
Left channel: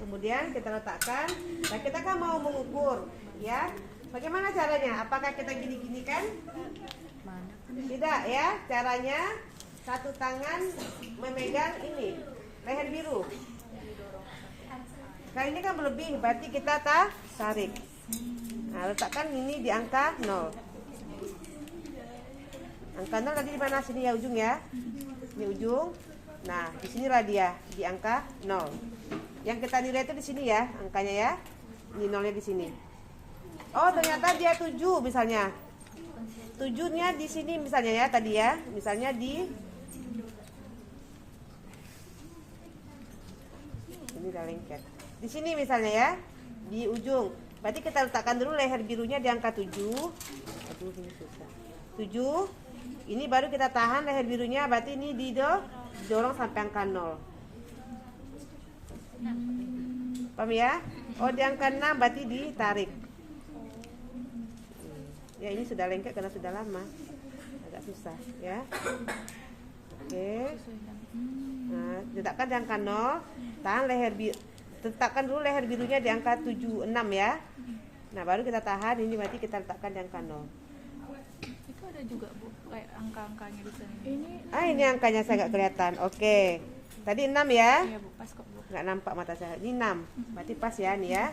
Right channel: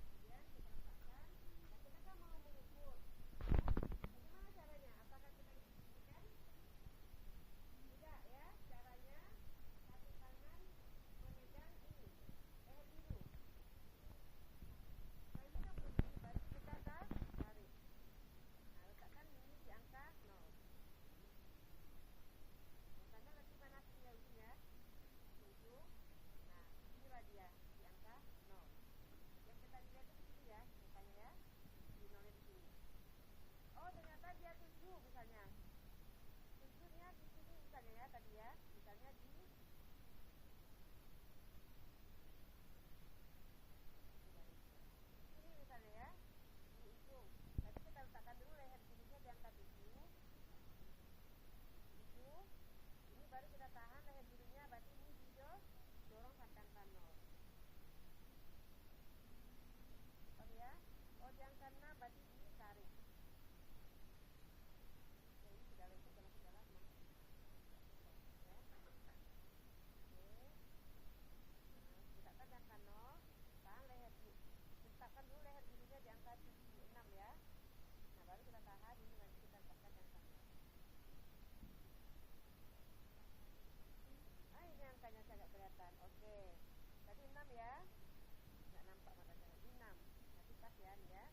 Kemudian kita letakkan. Nah, kita kan mau mengukur, ya. Bagaimana caranya? Apakah kita gini-gini kan? Tidak ya. Caranya satu tangan memegang ini leher biru. Kali ini kan berlebih, berarti kita tarik. Nah, letakkan ini di angka 0. Angka 0 tadi di mana? Sini ya, ujung ya. Ini ujung. Nah, di sinilah dia di angka 0. Yang kita nilai itu di sini ya, angkanya ya. Ini 0-nya di sini. Oh, ternyata dia 7 misalnya. 7-nya di sini misalnya ya tadi ya. Misalnya di ini udah lengket. Di sini misalnya ya, di ujung. Berarti kita letakkan dulu leher birunya di angka 7. Aduh, ini susah. 7. Ini baru kita tahan leher birunya, berarti ini didorong sampai angka 0. Paham ya? Oh, di angka 6 berarti ditarik. Ya, ini sudah lengket karena sudah lama. Agak susah ya. Oke. Nah, letakkan di angka 0, tahan leher biru. Letakkan dulu leher birunya di angka 76 ya. Nah, baru kita tahan, ini berarti kita letakkan di angka 0. Itu ada juga Bu, kayak angka-angkanya di sini. Ini angkanya saya nggak kelihatan. Oke. Tadi 6 ya? Iya Bu, pas kok Bu. Nggak nampak mata saya. Ini 6. Berarti pas ya nih ya.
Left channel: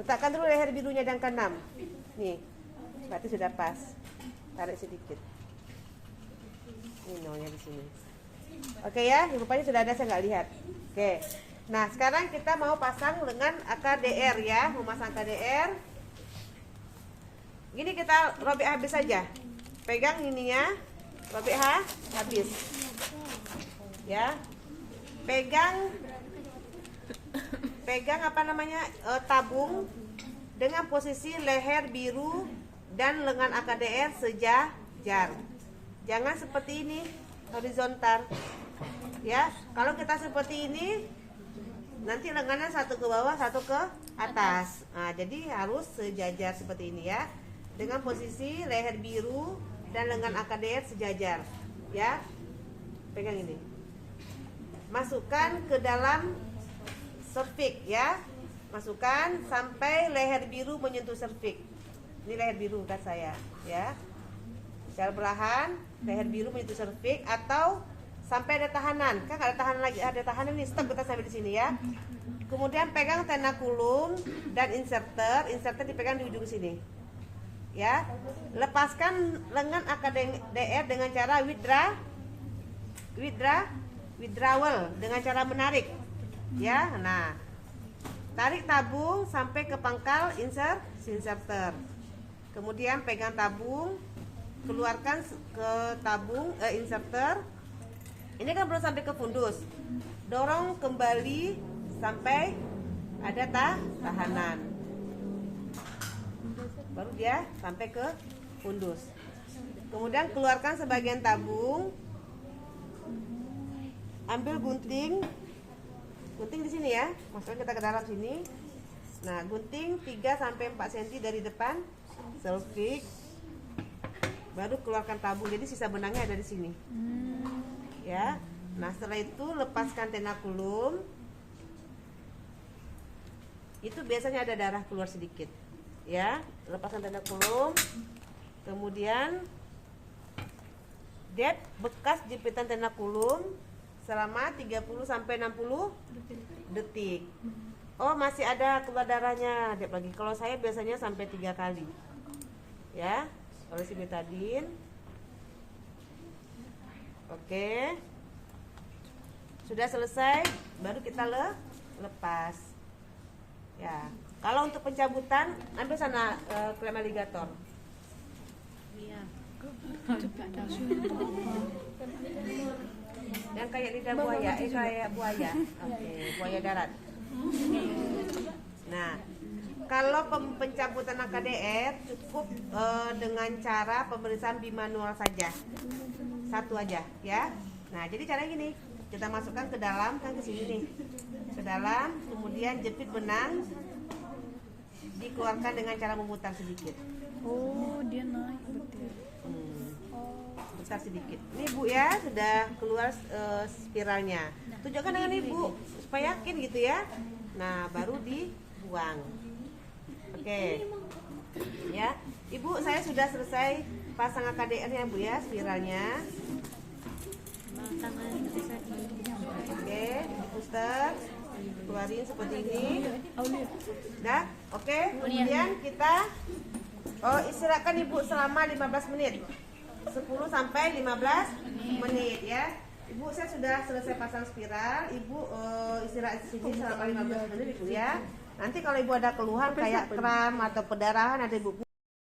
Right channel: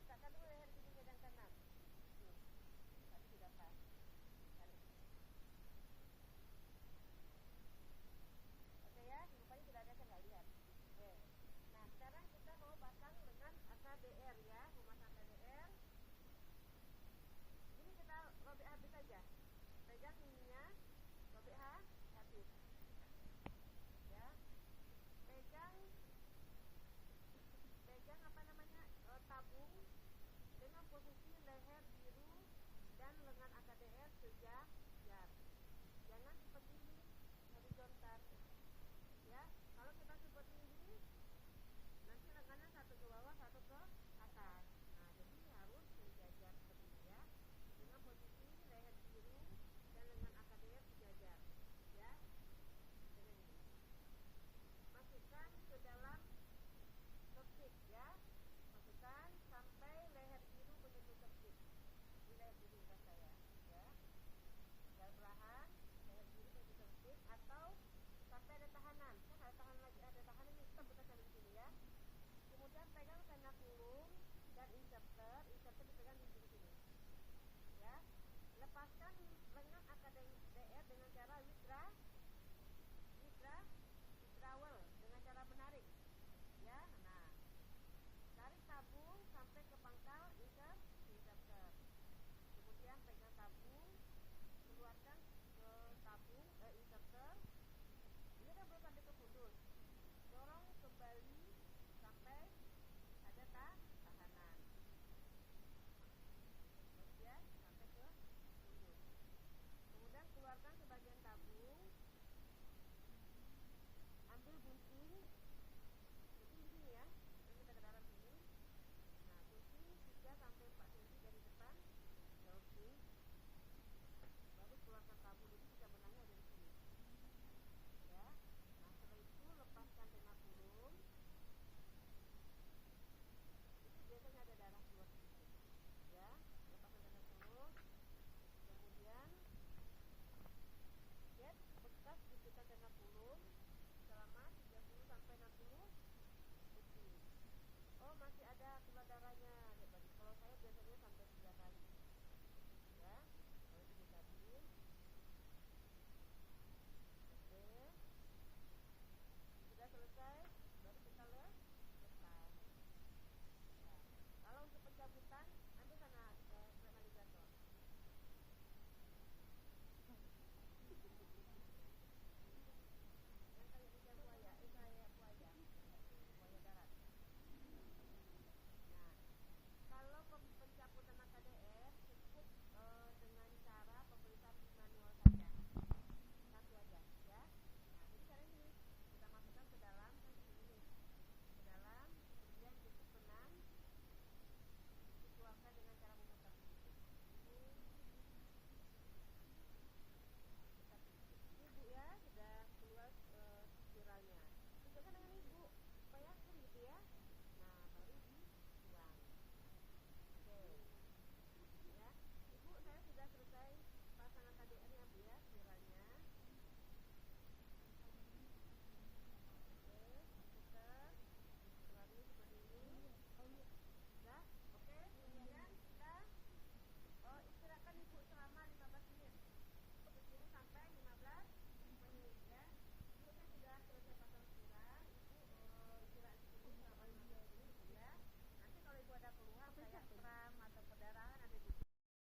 Letakkan dulu leher birunya di angka 6. Nih. Berarti sudah pas. Tarik sedikit. Ini 0-nya di sini. Oke ya, rupanya sudah ada, saya nggak lihat. Oke. Nah, sekarang kita mau pasang dengan AKDR ya, memasang AKDR. Gini kita robek habis saja. Pegang ininya, robek habis. Ya. Pegang apa namanya? Tabung dengan posisi leher biru dan lengan AKDR sejajar. Jangan seperti ini, horizontal. Ya, kalau kita seperti ini nanti lengannya satu ke bawah, satu ke atas. Nah, jadi harus sejajar seperti ini ya. Dengan posisi leher biru dan lengan AKDR sejajar. Ya. Pegang ini. Masukkan ke dalam cervix ya. Masukkan sampai leher biru menyentuh cervix. Ini leher biru kan saya, ya. Secara perlahan leher biru menyentuh cervix atau sampai ada tahanan. Kan ada tahanan lagi, ada tahanan nih, stop kita sampai di sini ya. Kemudian pegang tenakulum dan inserter dipegang di ujung sini. Ya. Lepaskan lengan AKDR dengan cara withdrawal dengan cara menarik. Ya. Nah. Tarik tabung sampai ke pangkal inserter. Kemudian pegang tabung, keluarkan ke tabung inserter. Ini kan belum sampai ke fundus. Dorong kembali sampai ada tahanan. Baru dia sampai ke fundus. Kemudian keluarkan sebagian tabung. Ambil gunting di sini ya. Masukkan kita ke dalam sini. Nah, gunting 3 sampai 4 cm dari depan cervix. Baru keluarkan tabung. Jadi sisa benangnya ada di sini. Ya. Nah, setelah itu lepaskan tenakulum. Itu biasanya ada darah keluar sedikit. Ya, lepaskan tenakulum. Kemudian lihat bekas jepitan tenakulum selama 30 sampai 60 detik. Oh, masih ada keluar darahnya. Lihat lagi. Kalau saya biasanya sampai 3 kali. Ya, olesi betadine. Oke. Sudah selesai, baru kita lepas. Ya. Kalau untuk pencabutan, ambil sana klem aligator. Iya. Yang kayak lidah buaya, kayak buaya. Oke, buaya darat. Nah, kalau pencabutan AKDR cukup dengan cara pemeriksaan bimanual saja. Satu aja, ya. Nah, jadi caranya gini. Kita masukkan ke dalam, kan ke sini nih. Ke dalam, kemudian jepit benang. dikeluarkan dengan cara memutar sedikit. Oh, dia naik berarti. Putar sedikit. Ini Bu ya, sudah keluar spiralnya. Tunjukkan dengan Ibu supaya yakin gitu ya. Nah, baru dibuang. Oke. Ya, Ibu, saya sudah selesai pasang AKDR-nya Bu ya, spiralnya. Oke, putar, keluarin seperti ini. Dah, oke. Kemudian kita istirahatkan Ibu selama 15 menit. 10 sampai 15 menit ya. Ibu, saya sudah selesai pasang spiral. Ibu istirahat di sini selama 15 menit Ibu ya. Nanti kalau Ibu ada keluhan kayak kram atau perdarahan, ada Ibu